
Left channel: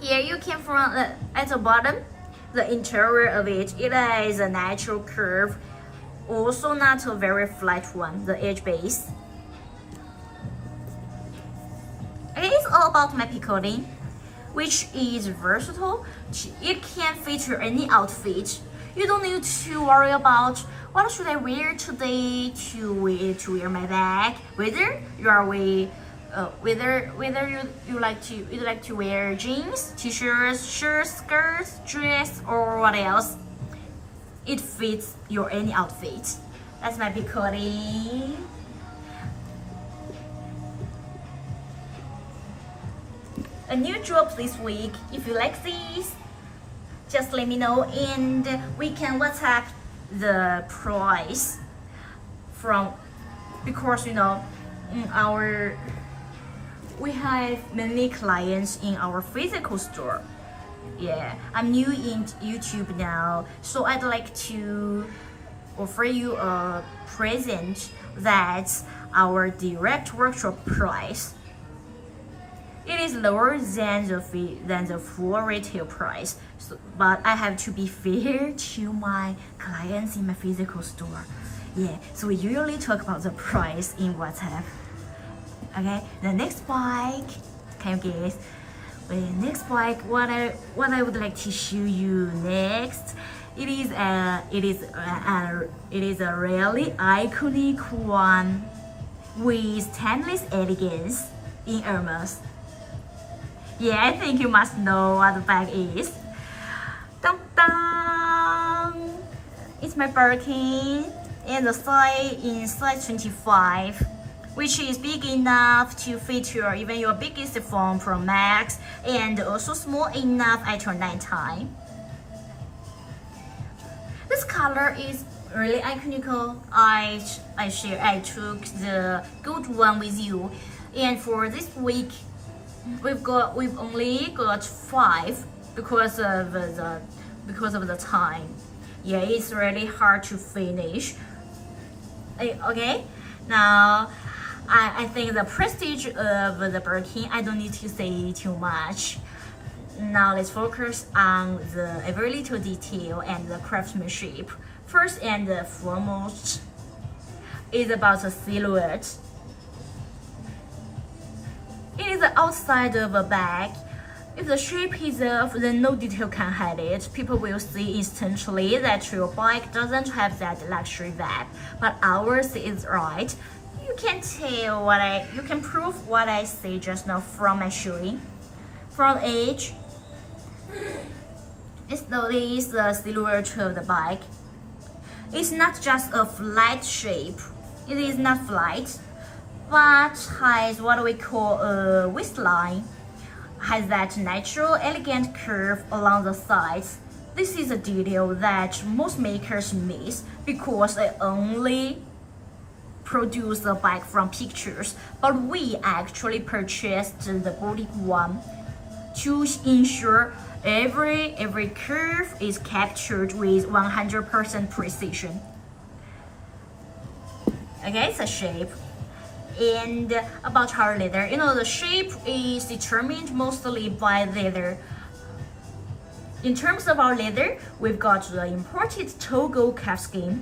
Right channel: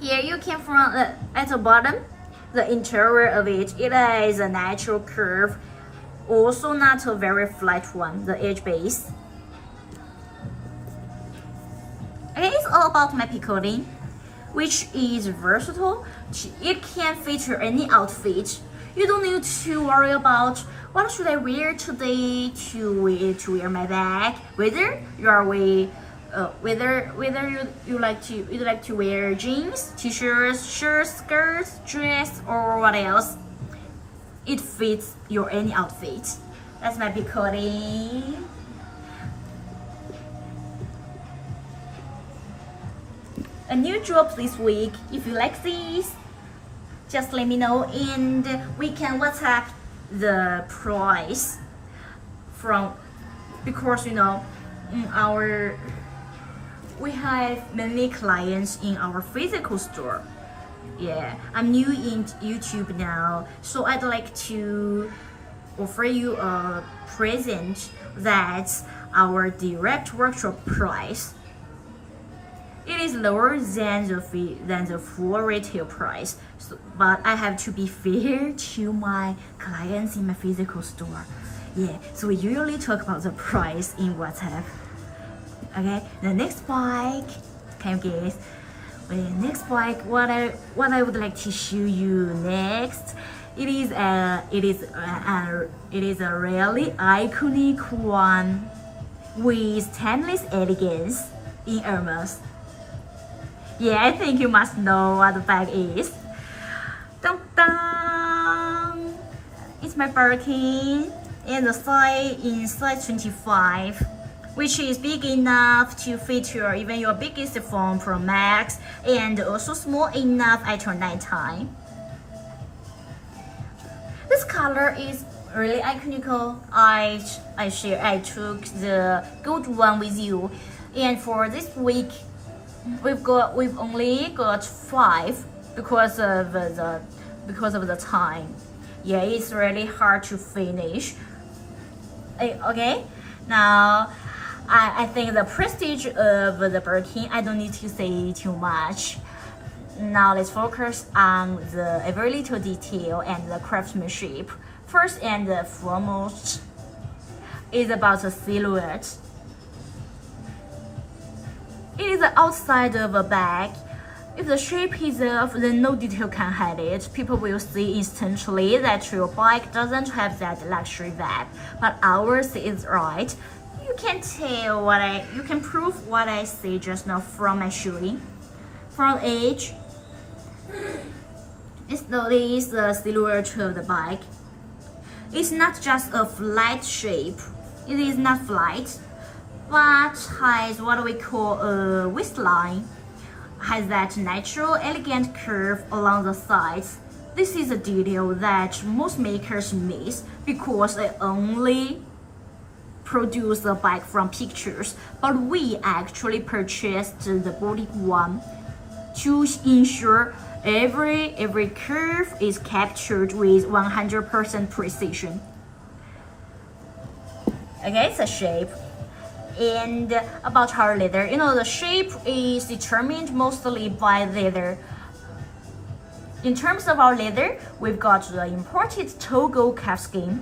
here you can find at the bottom, the interior of it is a natural curve, also not a very flat one, the edge base. Okay, it's all about my picoting, which is versatile. It can feature any outfit. You don't need to worry about what should I wear today to wear my bag. Whether you are whether you like to wear jeans, t-shirts, shirts, skirts, dress, or what else, it fits your any outfit. That's my picoting. A new drop this week. If you like this, just let me know and we can WhatsApp the price from, because we have many clients in our physical store. Yeah, I'm new in YouTube now, so I'd like to offer you a present that's our direct workshop price. It is lower than the full retail price, but I have to be fair to my clients in my physical store. Yeah, so we usually talk about the price in WhatsApp. Okay, the next bike, can you guess? The next bike, what I would like to show you next, it is a really iconic one with timeless elegance in Hermes. Yeah, I think you must know what the bag is. Dun dun! It's my Birkin, and the size in size 25, which is big enough to feature even your biggest phone Pro Max, and also small enough at your nighttime. This color is really iconical. I took the gold one with you, and for this week, we've only got 5 because of the time. Yeah, it's really hard to finish. Okay, now I think the prestige of the Birkin, I don't need to say too much. Now let's focus on the every little detail and the craftsmanship. First and foremost is about the silhouette. It is the outside of a bag. If the shape is off, then no detail can hide it. People will see instantly that your bike doesn't have that luxury vibe, but ours is right. You can prove what I say just now from my showing. From the edge, this is the silhouette of the bike. It's not just a flat shape. It is not flat, but has what we call a waistline. Has that natural, elegant curve along the sides. This is a detail that most makers miss because they only produce the bike from pictures, but we actually purchased the body one to ensure every curve is captured with 100% precision. Okay, it's a shape. And about our leather, the shape is determined mostly by leather. In terms of our leather, we've got the imported Togo calfskin.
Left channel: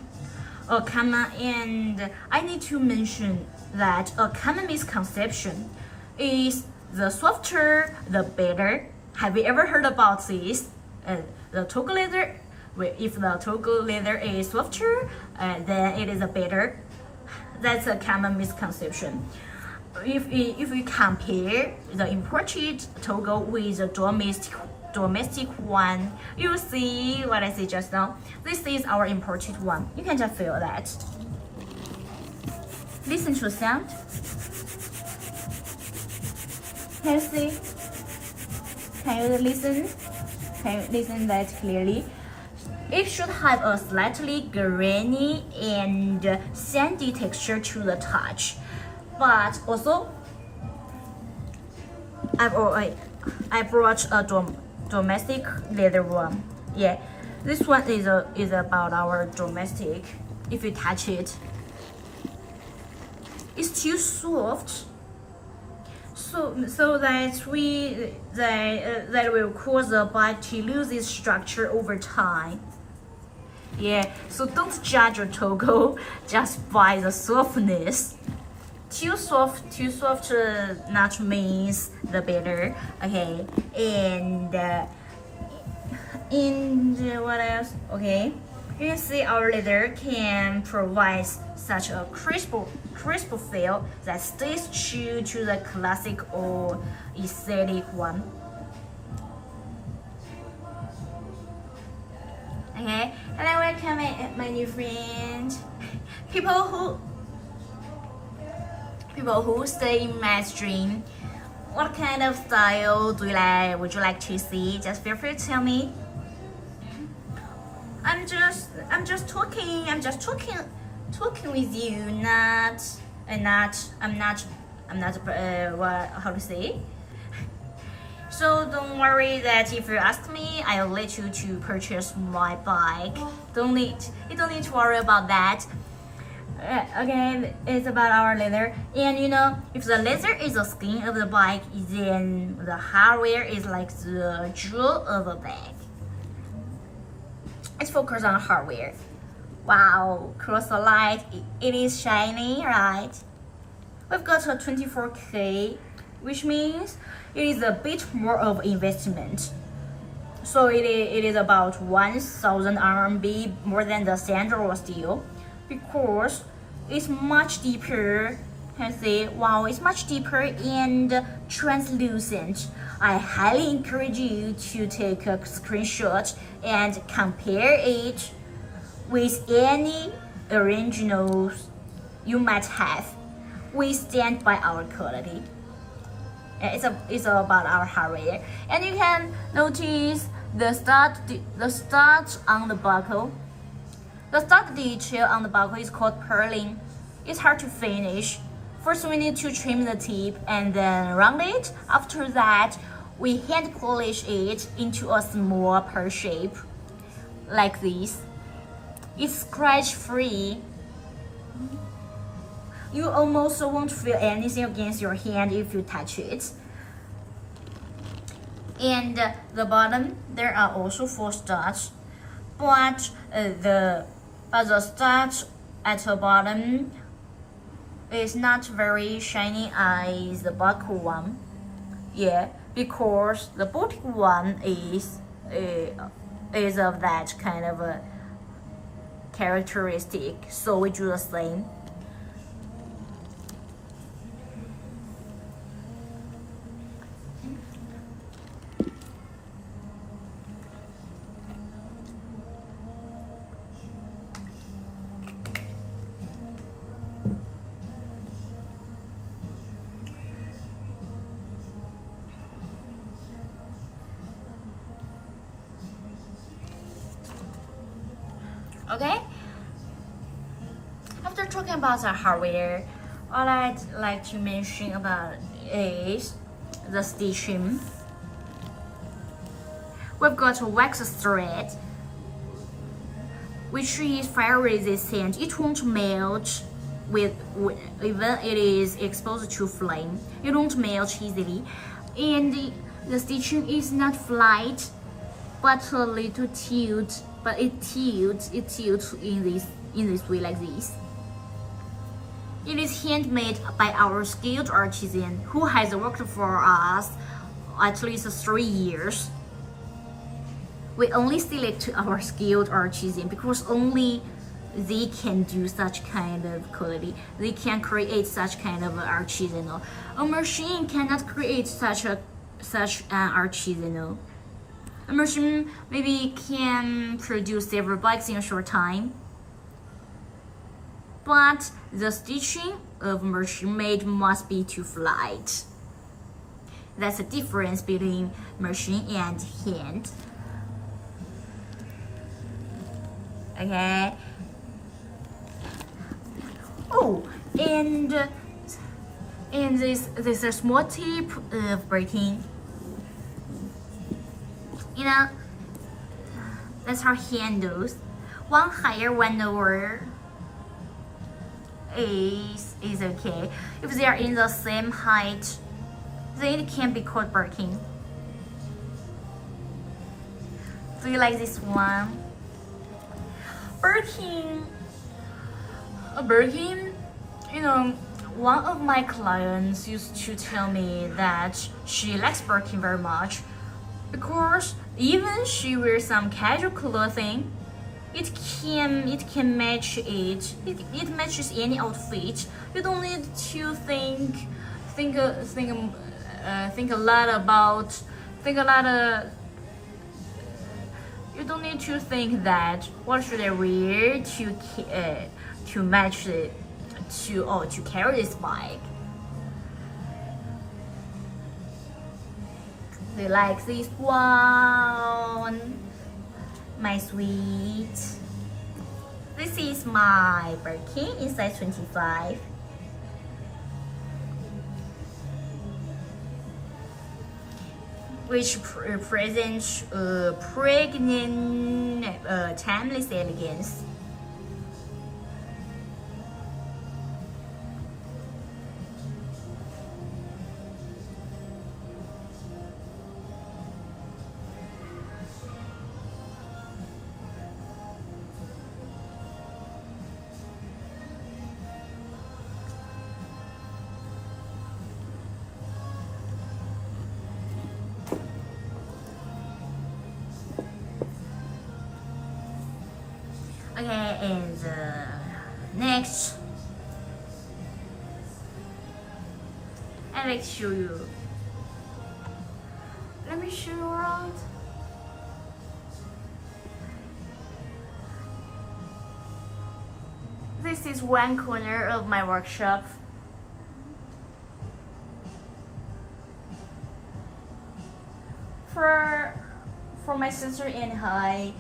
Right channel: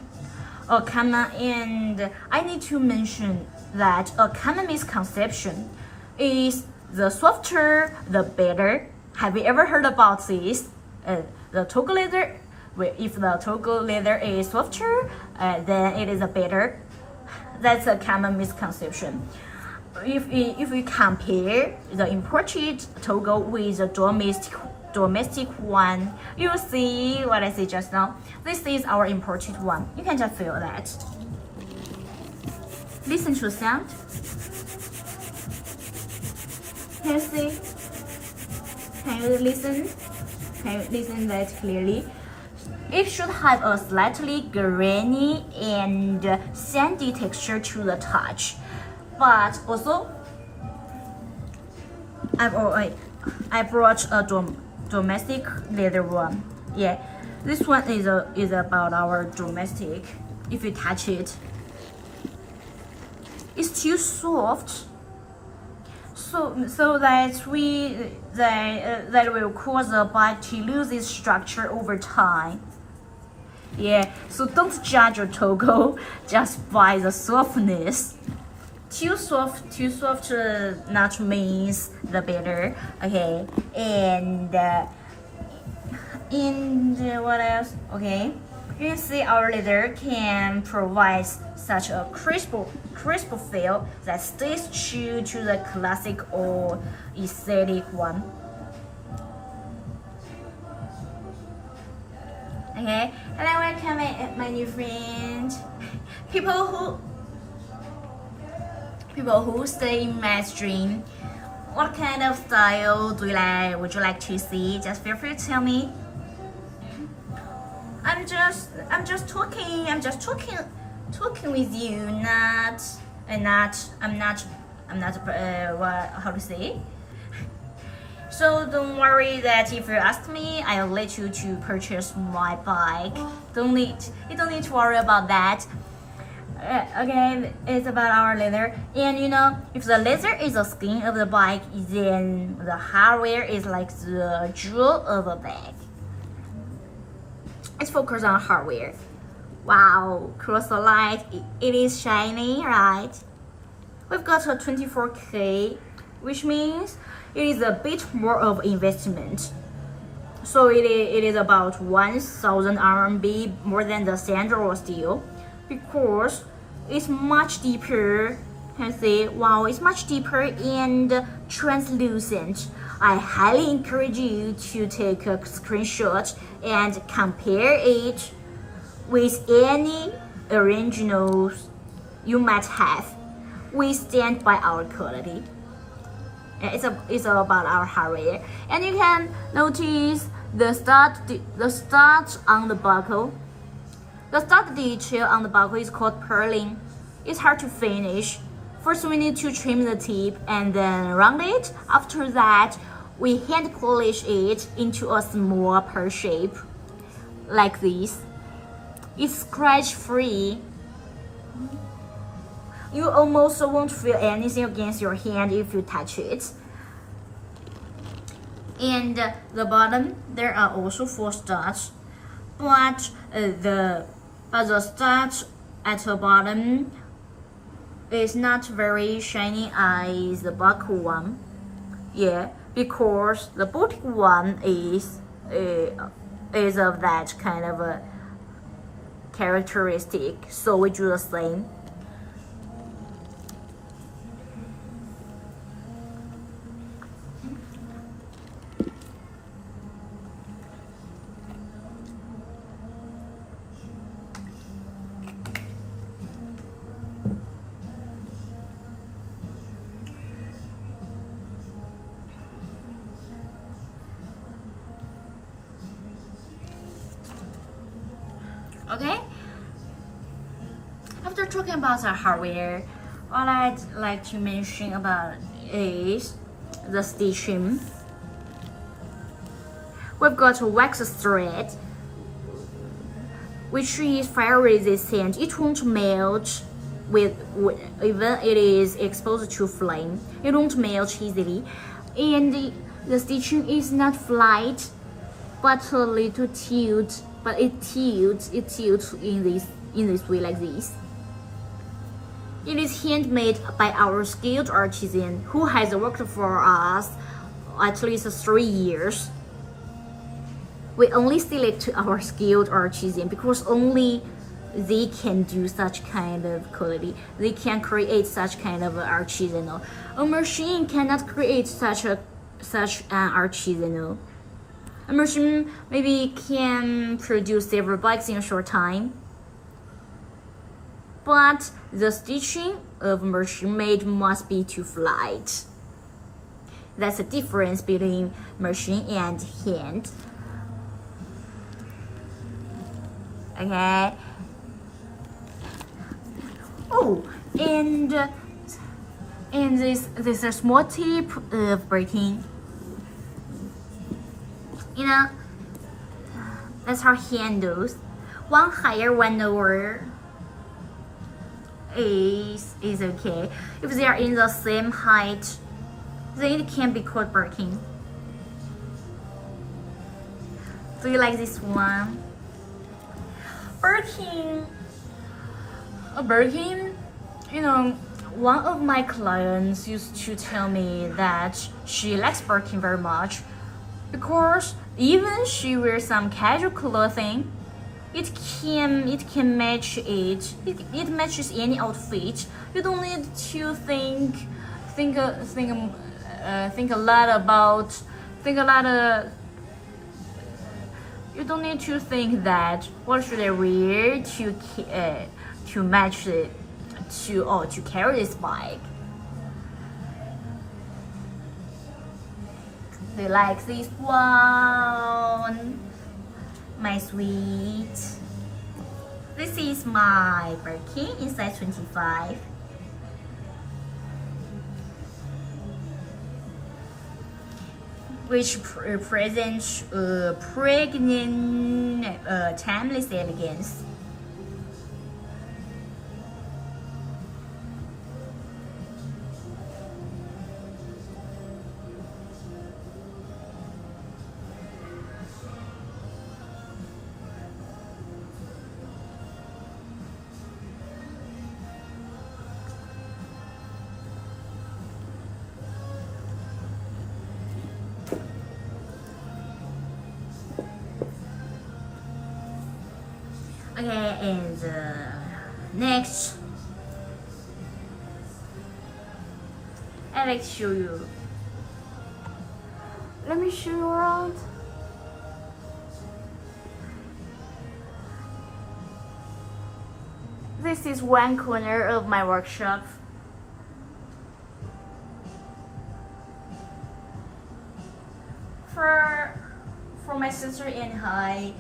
And I need to mention that a common misconception is the softer, the better. Have you ever heard about this? The Togo leather, if the Togo leather is softer, then it is a better. That's a common misconception. If we compare the imported Togo with the domestic one, you'll see what I said just now. This is our imported one. You can just feel that. Listen to the sound. Can you see? Can you listen? Can you listen that clearly? It should have a slightly grainy and sandy texture to the touch, but also I brought a domestic leather one. Yeah, this one is about our domestic. If you touch it, it's too soft. So that that will cause the bike to lose its structure over time. Yeah, so don't judge your Togo just by the softness. Too soft not means the better. Okay, and what else? Okay, you can see our leather can provide such a crisp feel that stays true to the classic or aesthetic one. Okay, hello, welcome my new friend. People who stay in my stream, what kind of style would you like to see? Just feel free to tell me. I'm just talking with you, I'm not how to say. So don't worry that if you ask me, I'll let you to purchase my bike. You don't need to worry about that. Again, it's about our leather, and if the leather is the skin of the bike, then the hardware is like the jewel of a bag. Let's focus on hardware. Wow, cross the light, it is shiny, right? We've got a 24K, which means it is a bit more of investment. So it is about 1,000 RMB more than the standard steel, because it's much deeper. Can see, wow, it's much deeper and translucent. I highly encourage you to take a screenshot and compare it with any originals you might have. We stand by our quality. It's all about our hardware, and you can notice the stud on the buckle. The stud detail on the buckle is called purling. It's hard to finish. First, we need to trim the tip and then round it. After that, we hand polish it into a small pear shape, like this. It's scratch free. You almost won't feel anything against your hand if you touch it. And the bottom, there are also 4 studs, but the studs at the bottom is not very shiny as the buckle one. Yeah, because the boutique one is of that kind of a characteristic. So we do the same. Okay, after talking about the hardware, all I'd like to mention about is the stitching. We've got a wax thread, which is fire resistant. It won't melt even it is exposed to flame. It won't melt easily, and the stitching is not flat, but a little tilt. But it tilts in this way, like this. It is handmade by our skilled artisan who has worked for us at least 3 years. We only select our skilled artisan because only they can do such kind of quality. They can create such kind of artisanal. A machine cannot create such an artisanal. A machine maybe can produce several bikes in a short time, but the stitching of machine made must be too flat. That's the difference between machine and hand. Okay. Oh, and this is a small tip of braking. That's our handles. One higher, one lower. is okay. If they are in the same height, then it can be called Birkin. Do you like this one? Birkin, you know, one of my clients used to tell me that she likes Birkin very much because even she wears some casual clothing, it can match it. It matches any outfit. You don't need to think a lot about you don't need to think that what should I wear to match it to carry this bike. They like this one, my sweet. This is my Birkin in size 25. Which represents pregnant, timeless elegance. Okay, and next, I'd like to show you. Let me show you around. This is one corner of my workshop. For my sister and I,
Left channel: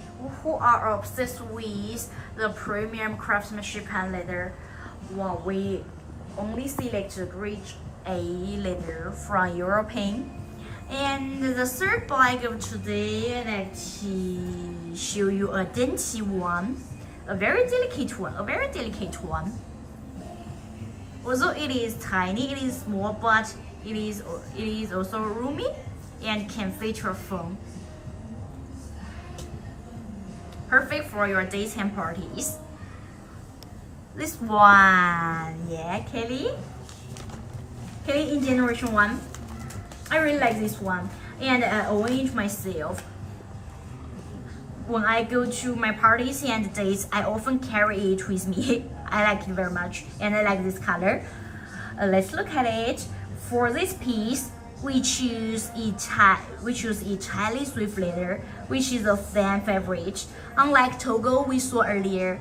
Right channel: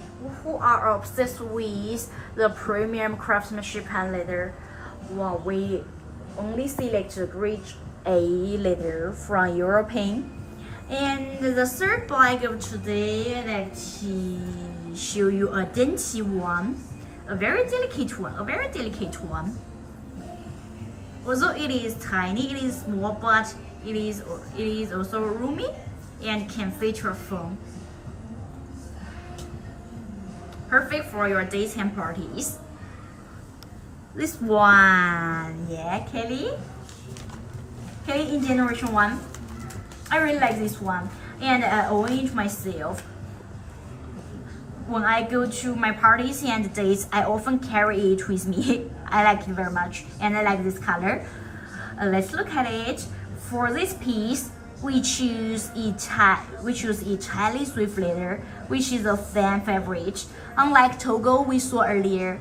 who are obsessed with the premium craftsmanship hand leather, well, we only select grade A leather from European. And the third bag of today, I'd like to show you a dainty one, a very delicate one. Although it is tiny, it is small, but it is also roomy and can feature foam. Perfect for your daytime parties. This one, yeah, Kelly in generation 1. I really like this one, and I arrange myself. When I go to my parties and dates, I often carry it with me. I like it very much, and I like this color. Let's look at it. For this piece, we choose Italian swift leather, which is a fan favorite. Unlike Togo we saw earlier,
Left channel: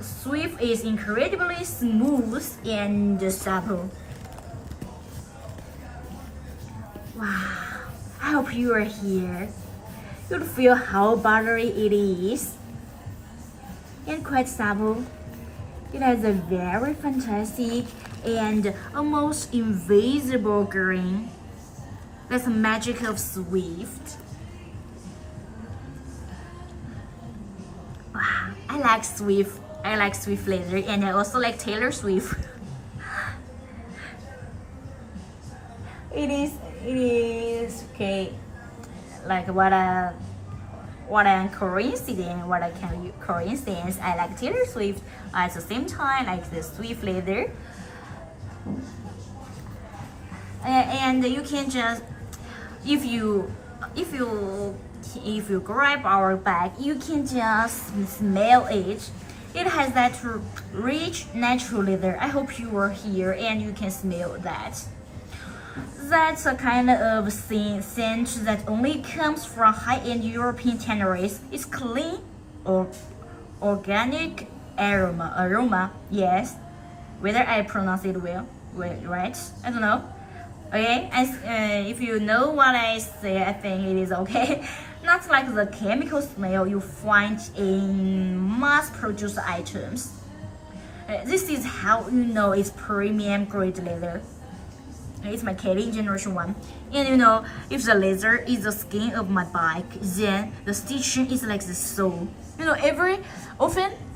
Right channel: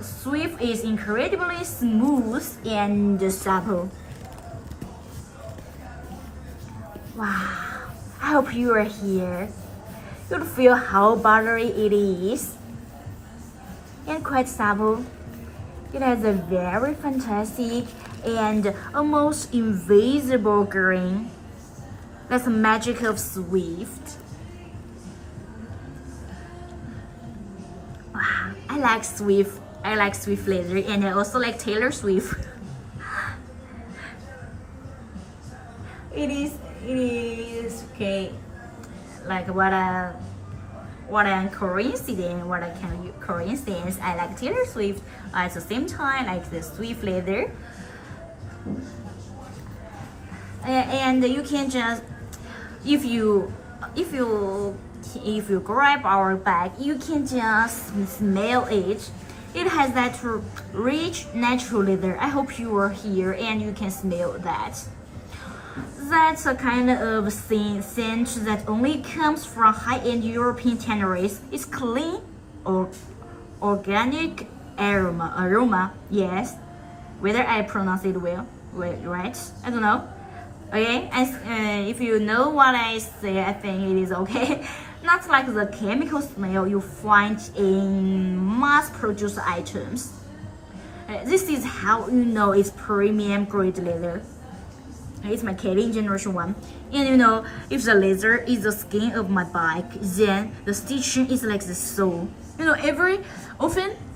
Swift is incredibly smooth and supple. Wow, I hope you are here. You'll feel how buttery it is and quite supple. It has a very fantastic and almost invisible green. That's the magic of Swift. Wow, I like Swift leather, and I also like Taylor Swift. It is okay. Like what a coincidence. I like Taylor Swift at the same time, like the Swift leather. And you can just, if you grab our bag, you can just smell it. It has that rich natural leather. I hope you are here and you can smell that. That's a kind of scent that only comes from high-end European tanneries. It's clean or organic aroma. Yes, whether I pronounce it well, right? I don't know. Okay, if you know what I say, I think it is okay. Not like the chemical smell you find in mass-produced items. This is how you know it's premium grade leather. It's my Kelly generation 1. And you know, if the leather is the skin of my bike, then the stitching is like the soul. You know,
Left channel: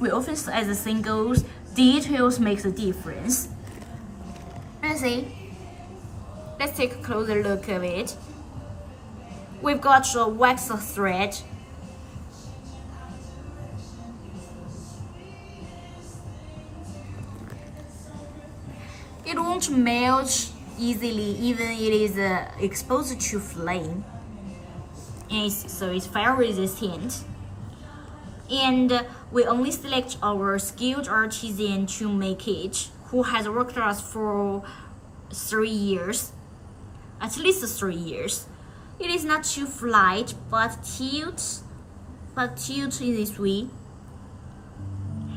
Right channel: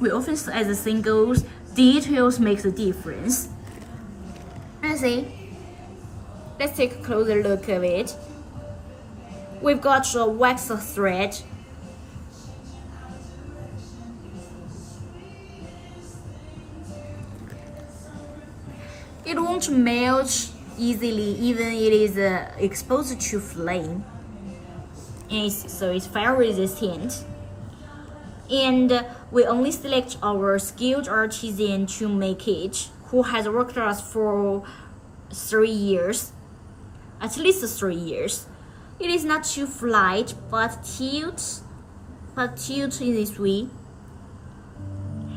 we often as a singles details make the difference. Let's see. Let's take a closer look at it. We've got a wax thread. It won't melt easily even it is exposed to flame. So it's fire resistant. And we only select our skilled artisan to make it, who has worked with us for 3 years, at least 3 years. It is not too flat, but tilt in this way.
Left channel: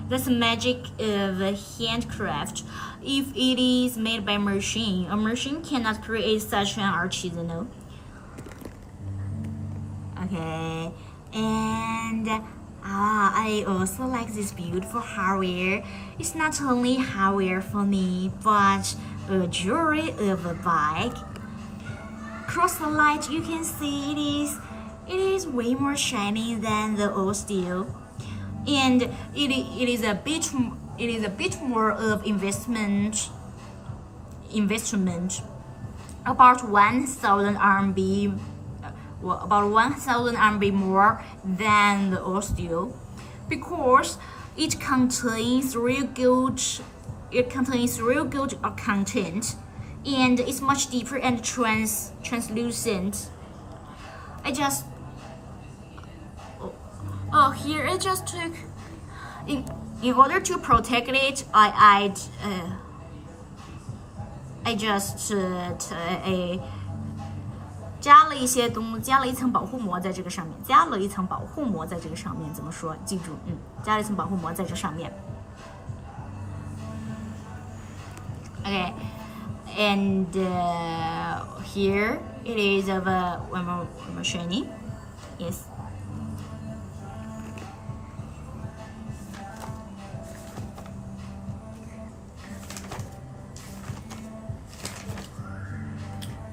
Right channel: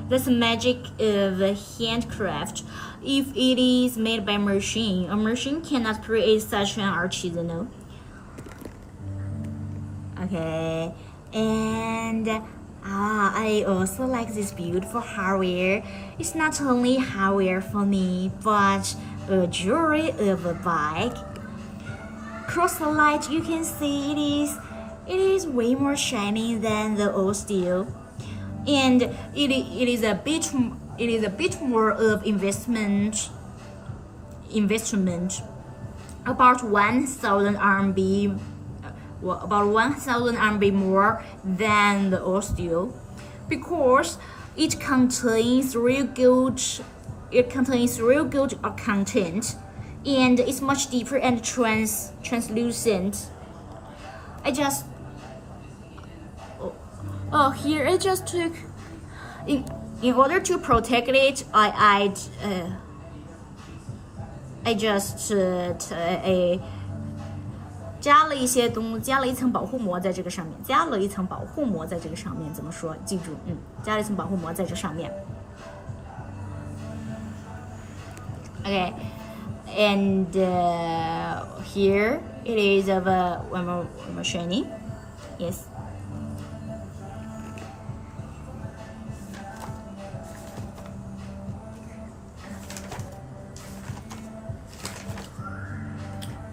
That's the magic of handcraft. If it is made by a machine cannot create such an artisanal. Okay, and I also like this beautiful hardware. It's not only hardware for me, but a jewelry of a bike. Across the light, you can see it is way more shiny than the old steel, and it is a bit more of investment. About 1,000 RMB. About 1,000 RMB more than the old steel, because it contains real gold. It contains real gold content, and it's much deeper and translucent. Here I just took. In order to protect it, I just 加了一层保护膜在这个上面，怎么说？记住，加了一层保护膜在这上面。Okay, and here it is of a one more shiny. Yes.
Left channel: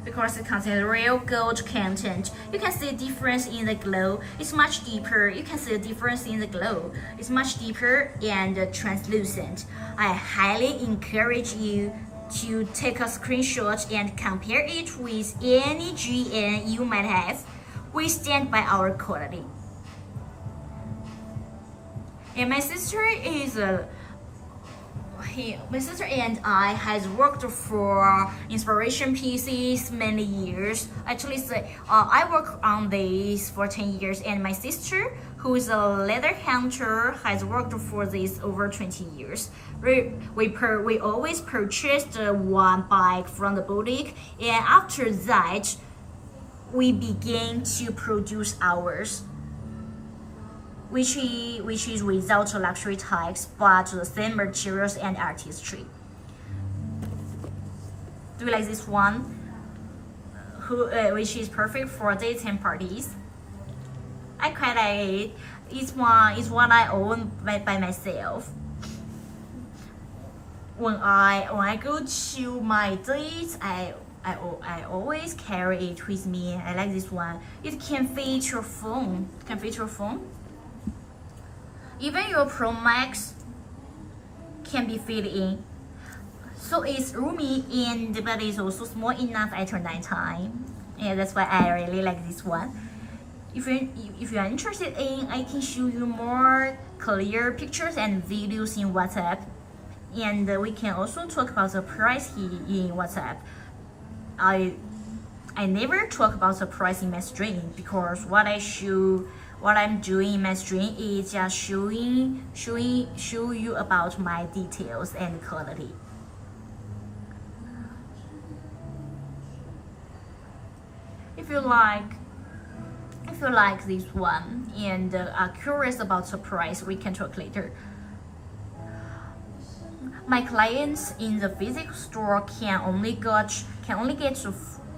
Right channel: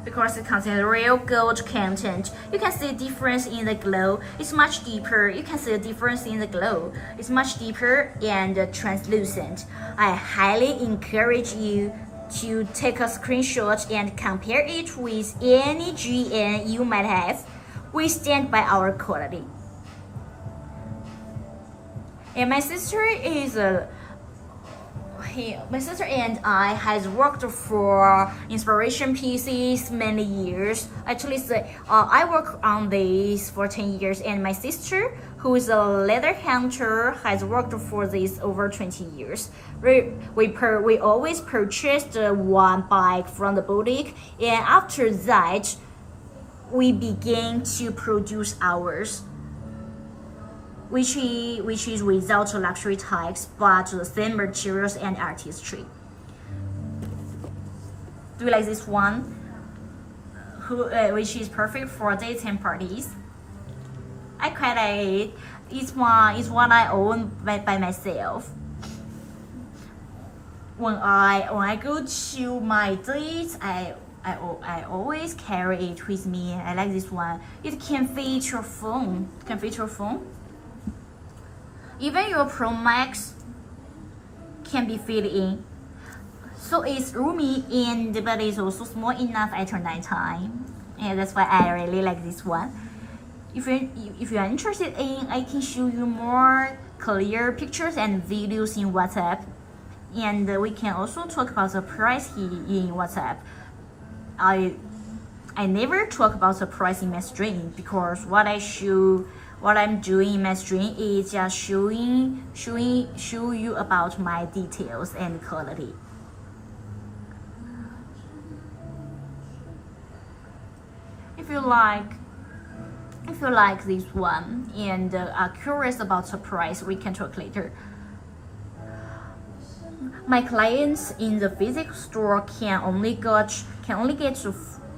Because it contains real gold content. You can see the difference in the glow. It's much deeper. You can see the difference in the glow. It's much deeper and translucent. I highly encourage you to take a screenshot and compare it with any GN you might have. We stand by our quality. And my sister and I has worked for inspiration pieces many years. Actually, I work on this for 10 years, and my sister, who is a leather hunter, has worked for this over 20 years. We always purchased one bike from the boutique, and after that, we began to produce ours. Which is without luxury tags, but the same materials and artistry. Do you like this one? Which is perfect for daytime parties. I quite like it. It's one I own by myself. When I go to my dates, I always carry it with me. I like this one. It can fit your phone. Even your Pro Max can be fit in. So it's roomy but it's also small enough at night time. And that's why I really like this one. If you are interested in, I can show you more clear pictures and videos in WhatsApp. And we can also talk about the price here in WhatsApp. I never talk about the price in my stream, because what I'm doing in my stream is just show you about my details and quality. If you like this one and are curious about the price, we can talk later. My clients in the physical store can only get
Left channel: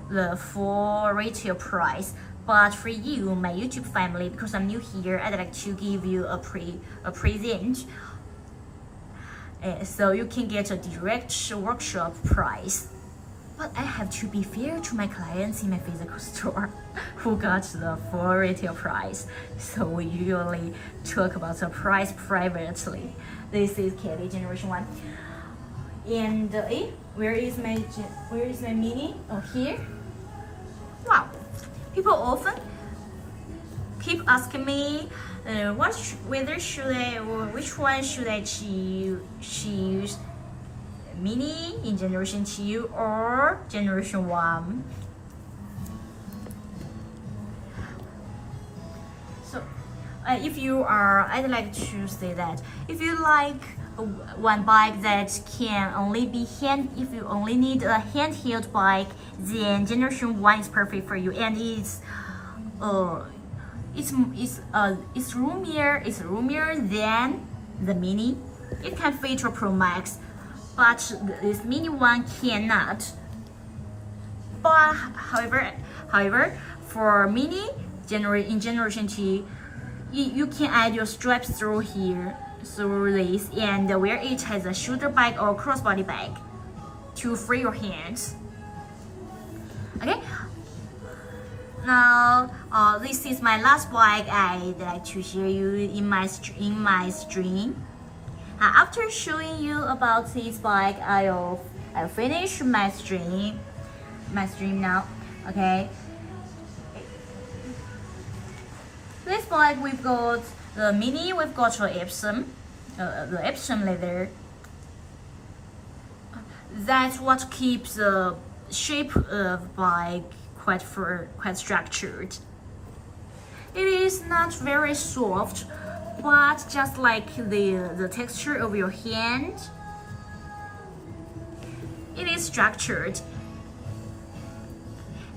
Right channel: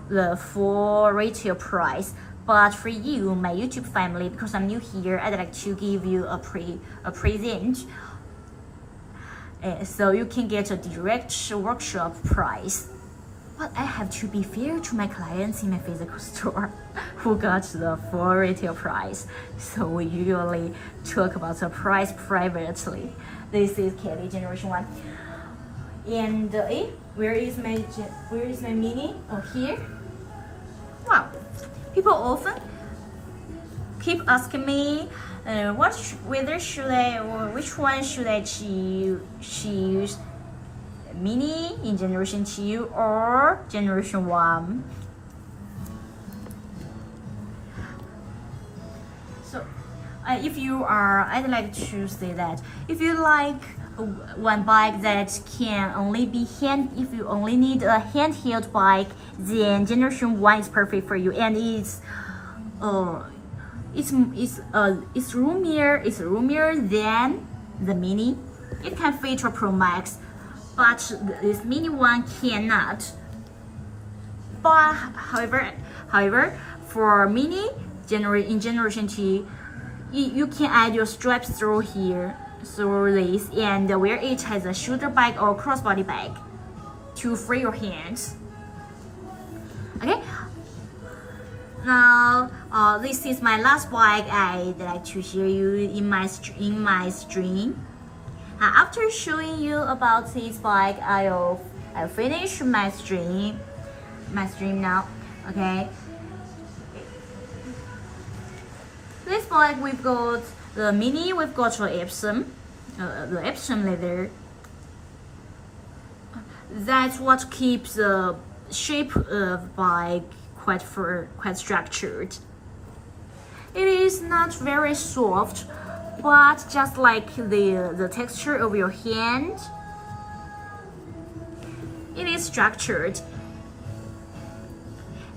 the full retail price. But for you, my YouTube family, because I'm new here, I'd like to give you a present. So you can get a direct workshop price. But I have to be fair to my clients in my physical store who got the full retail price. So we usually talk about the price privately. This is Kelly Generation 1. And where is my mini? Oh, here. Wow. People often keep asking me whether should I or which one should I choose, mini in generation 2 or generation 1. So I'd like to say that if you like one bike that can only be if you only need a handheld bike, then generation 1 is perfect for you, and it's roomier than the mini. It can fit a Pro Max, but this mini one cannot. But however, for mini in generation 2, you can add your straps through here, through this, and where it has a shoulder bag or crossbody bag to free your hands. Okay. Now, this is my last bike I'd like to share you in my stream. After showing you about this bike, I'll finish my stream now. Okay. This bike we've got the mini. We've got the Epsom leather. That's what keeps the shape of bike quite structured. It is not very soft, but just like the texture of your hand, it is structured.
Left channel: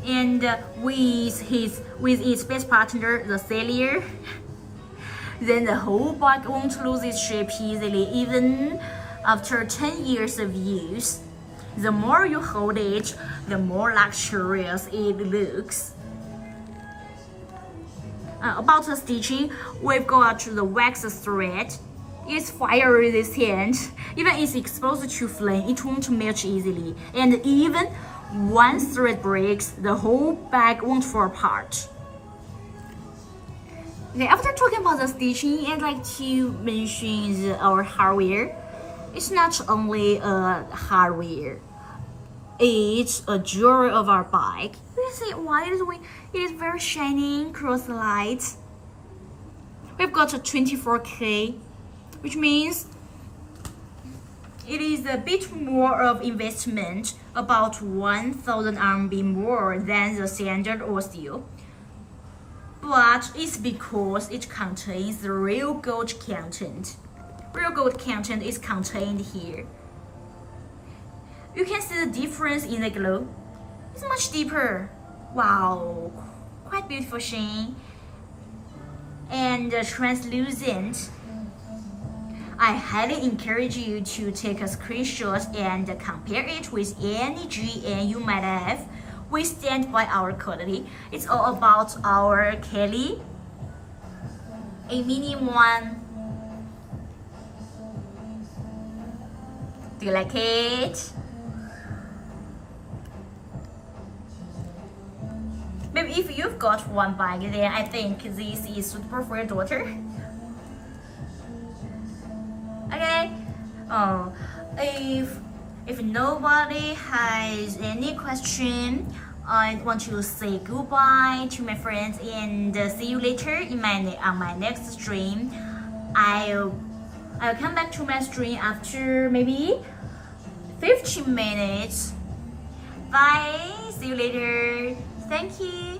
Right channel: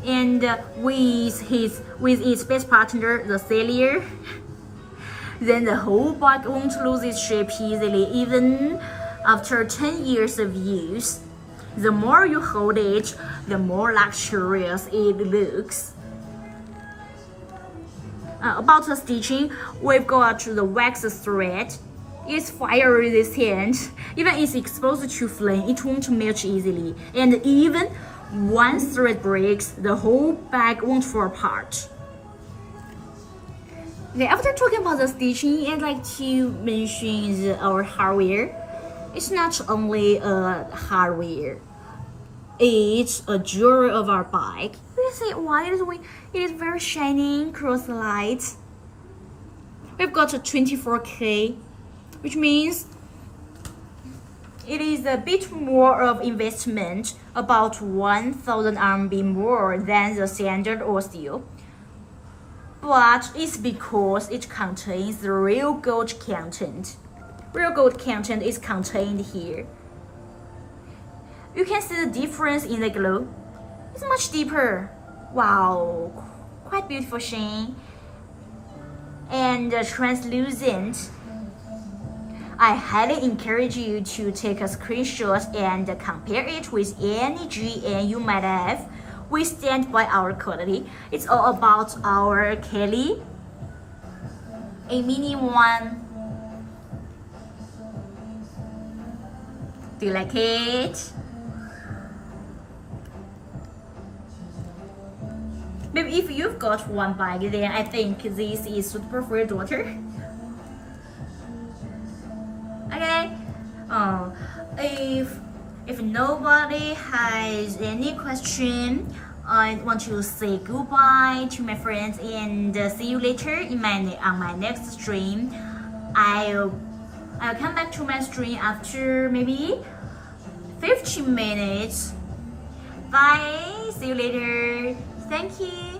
And with its best partner, the Cellier, then the whole bike won't lose its shape easily, even after 10 years of use. The more you hold it, the more luxurious it looks. About the stitching, we've got the wax thread. It's fire resistant. Even if exposed to flame, it won't melt easily. And even one thread breaks, the whole bag won't fall apart. Okay, after talking about the stitching, I'd like to mention our hardware. It's not only a hardware, it's a jewelry of our bike. You see why it is very shining cross lights. We've got a 24K, which means it is a bit more of investment, about 1,000 RMB more than the standard or steel. But it's because it contains the real gold content. Real gold content is contained here. You can see the difference in the glow. It's much deeper. Wow, quite beautiful shine and translucent. I highly encourage you to take a screenshot and compare it with any GN you might have. We stand by our quality. It's all about our Kelly, a mini one. Do you like it? Maybe if you've got one bike, then I think this is suitable for your daughter. Okay. If nobody has any question, I want to say goodbye to my friends and see you later on my next stream. I'll come back to my stream after maybe 15 minutes. Bye. See you later. Thank you.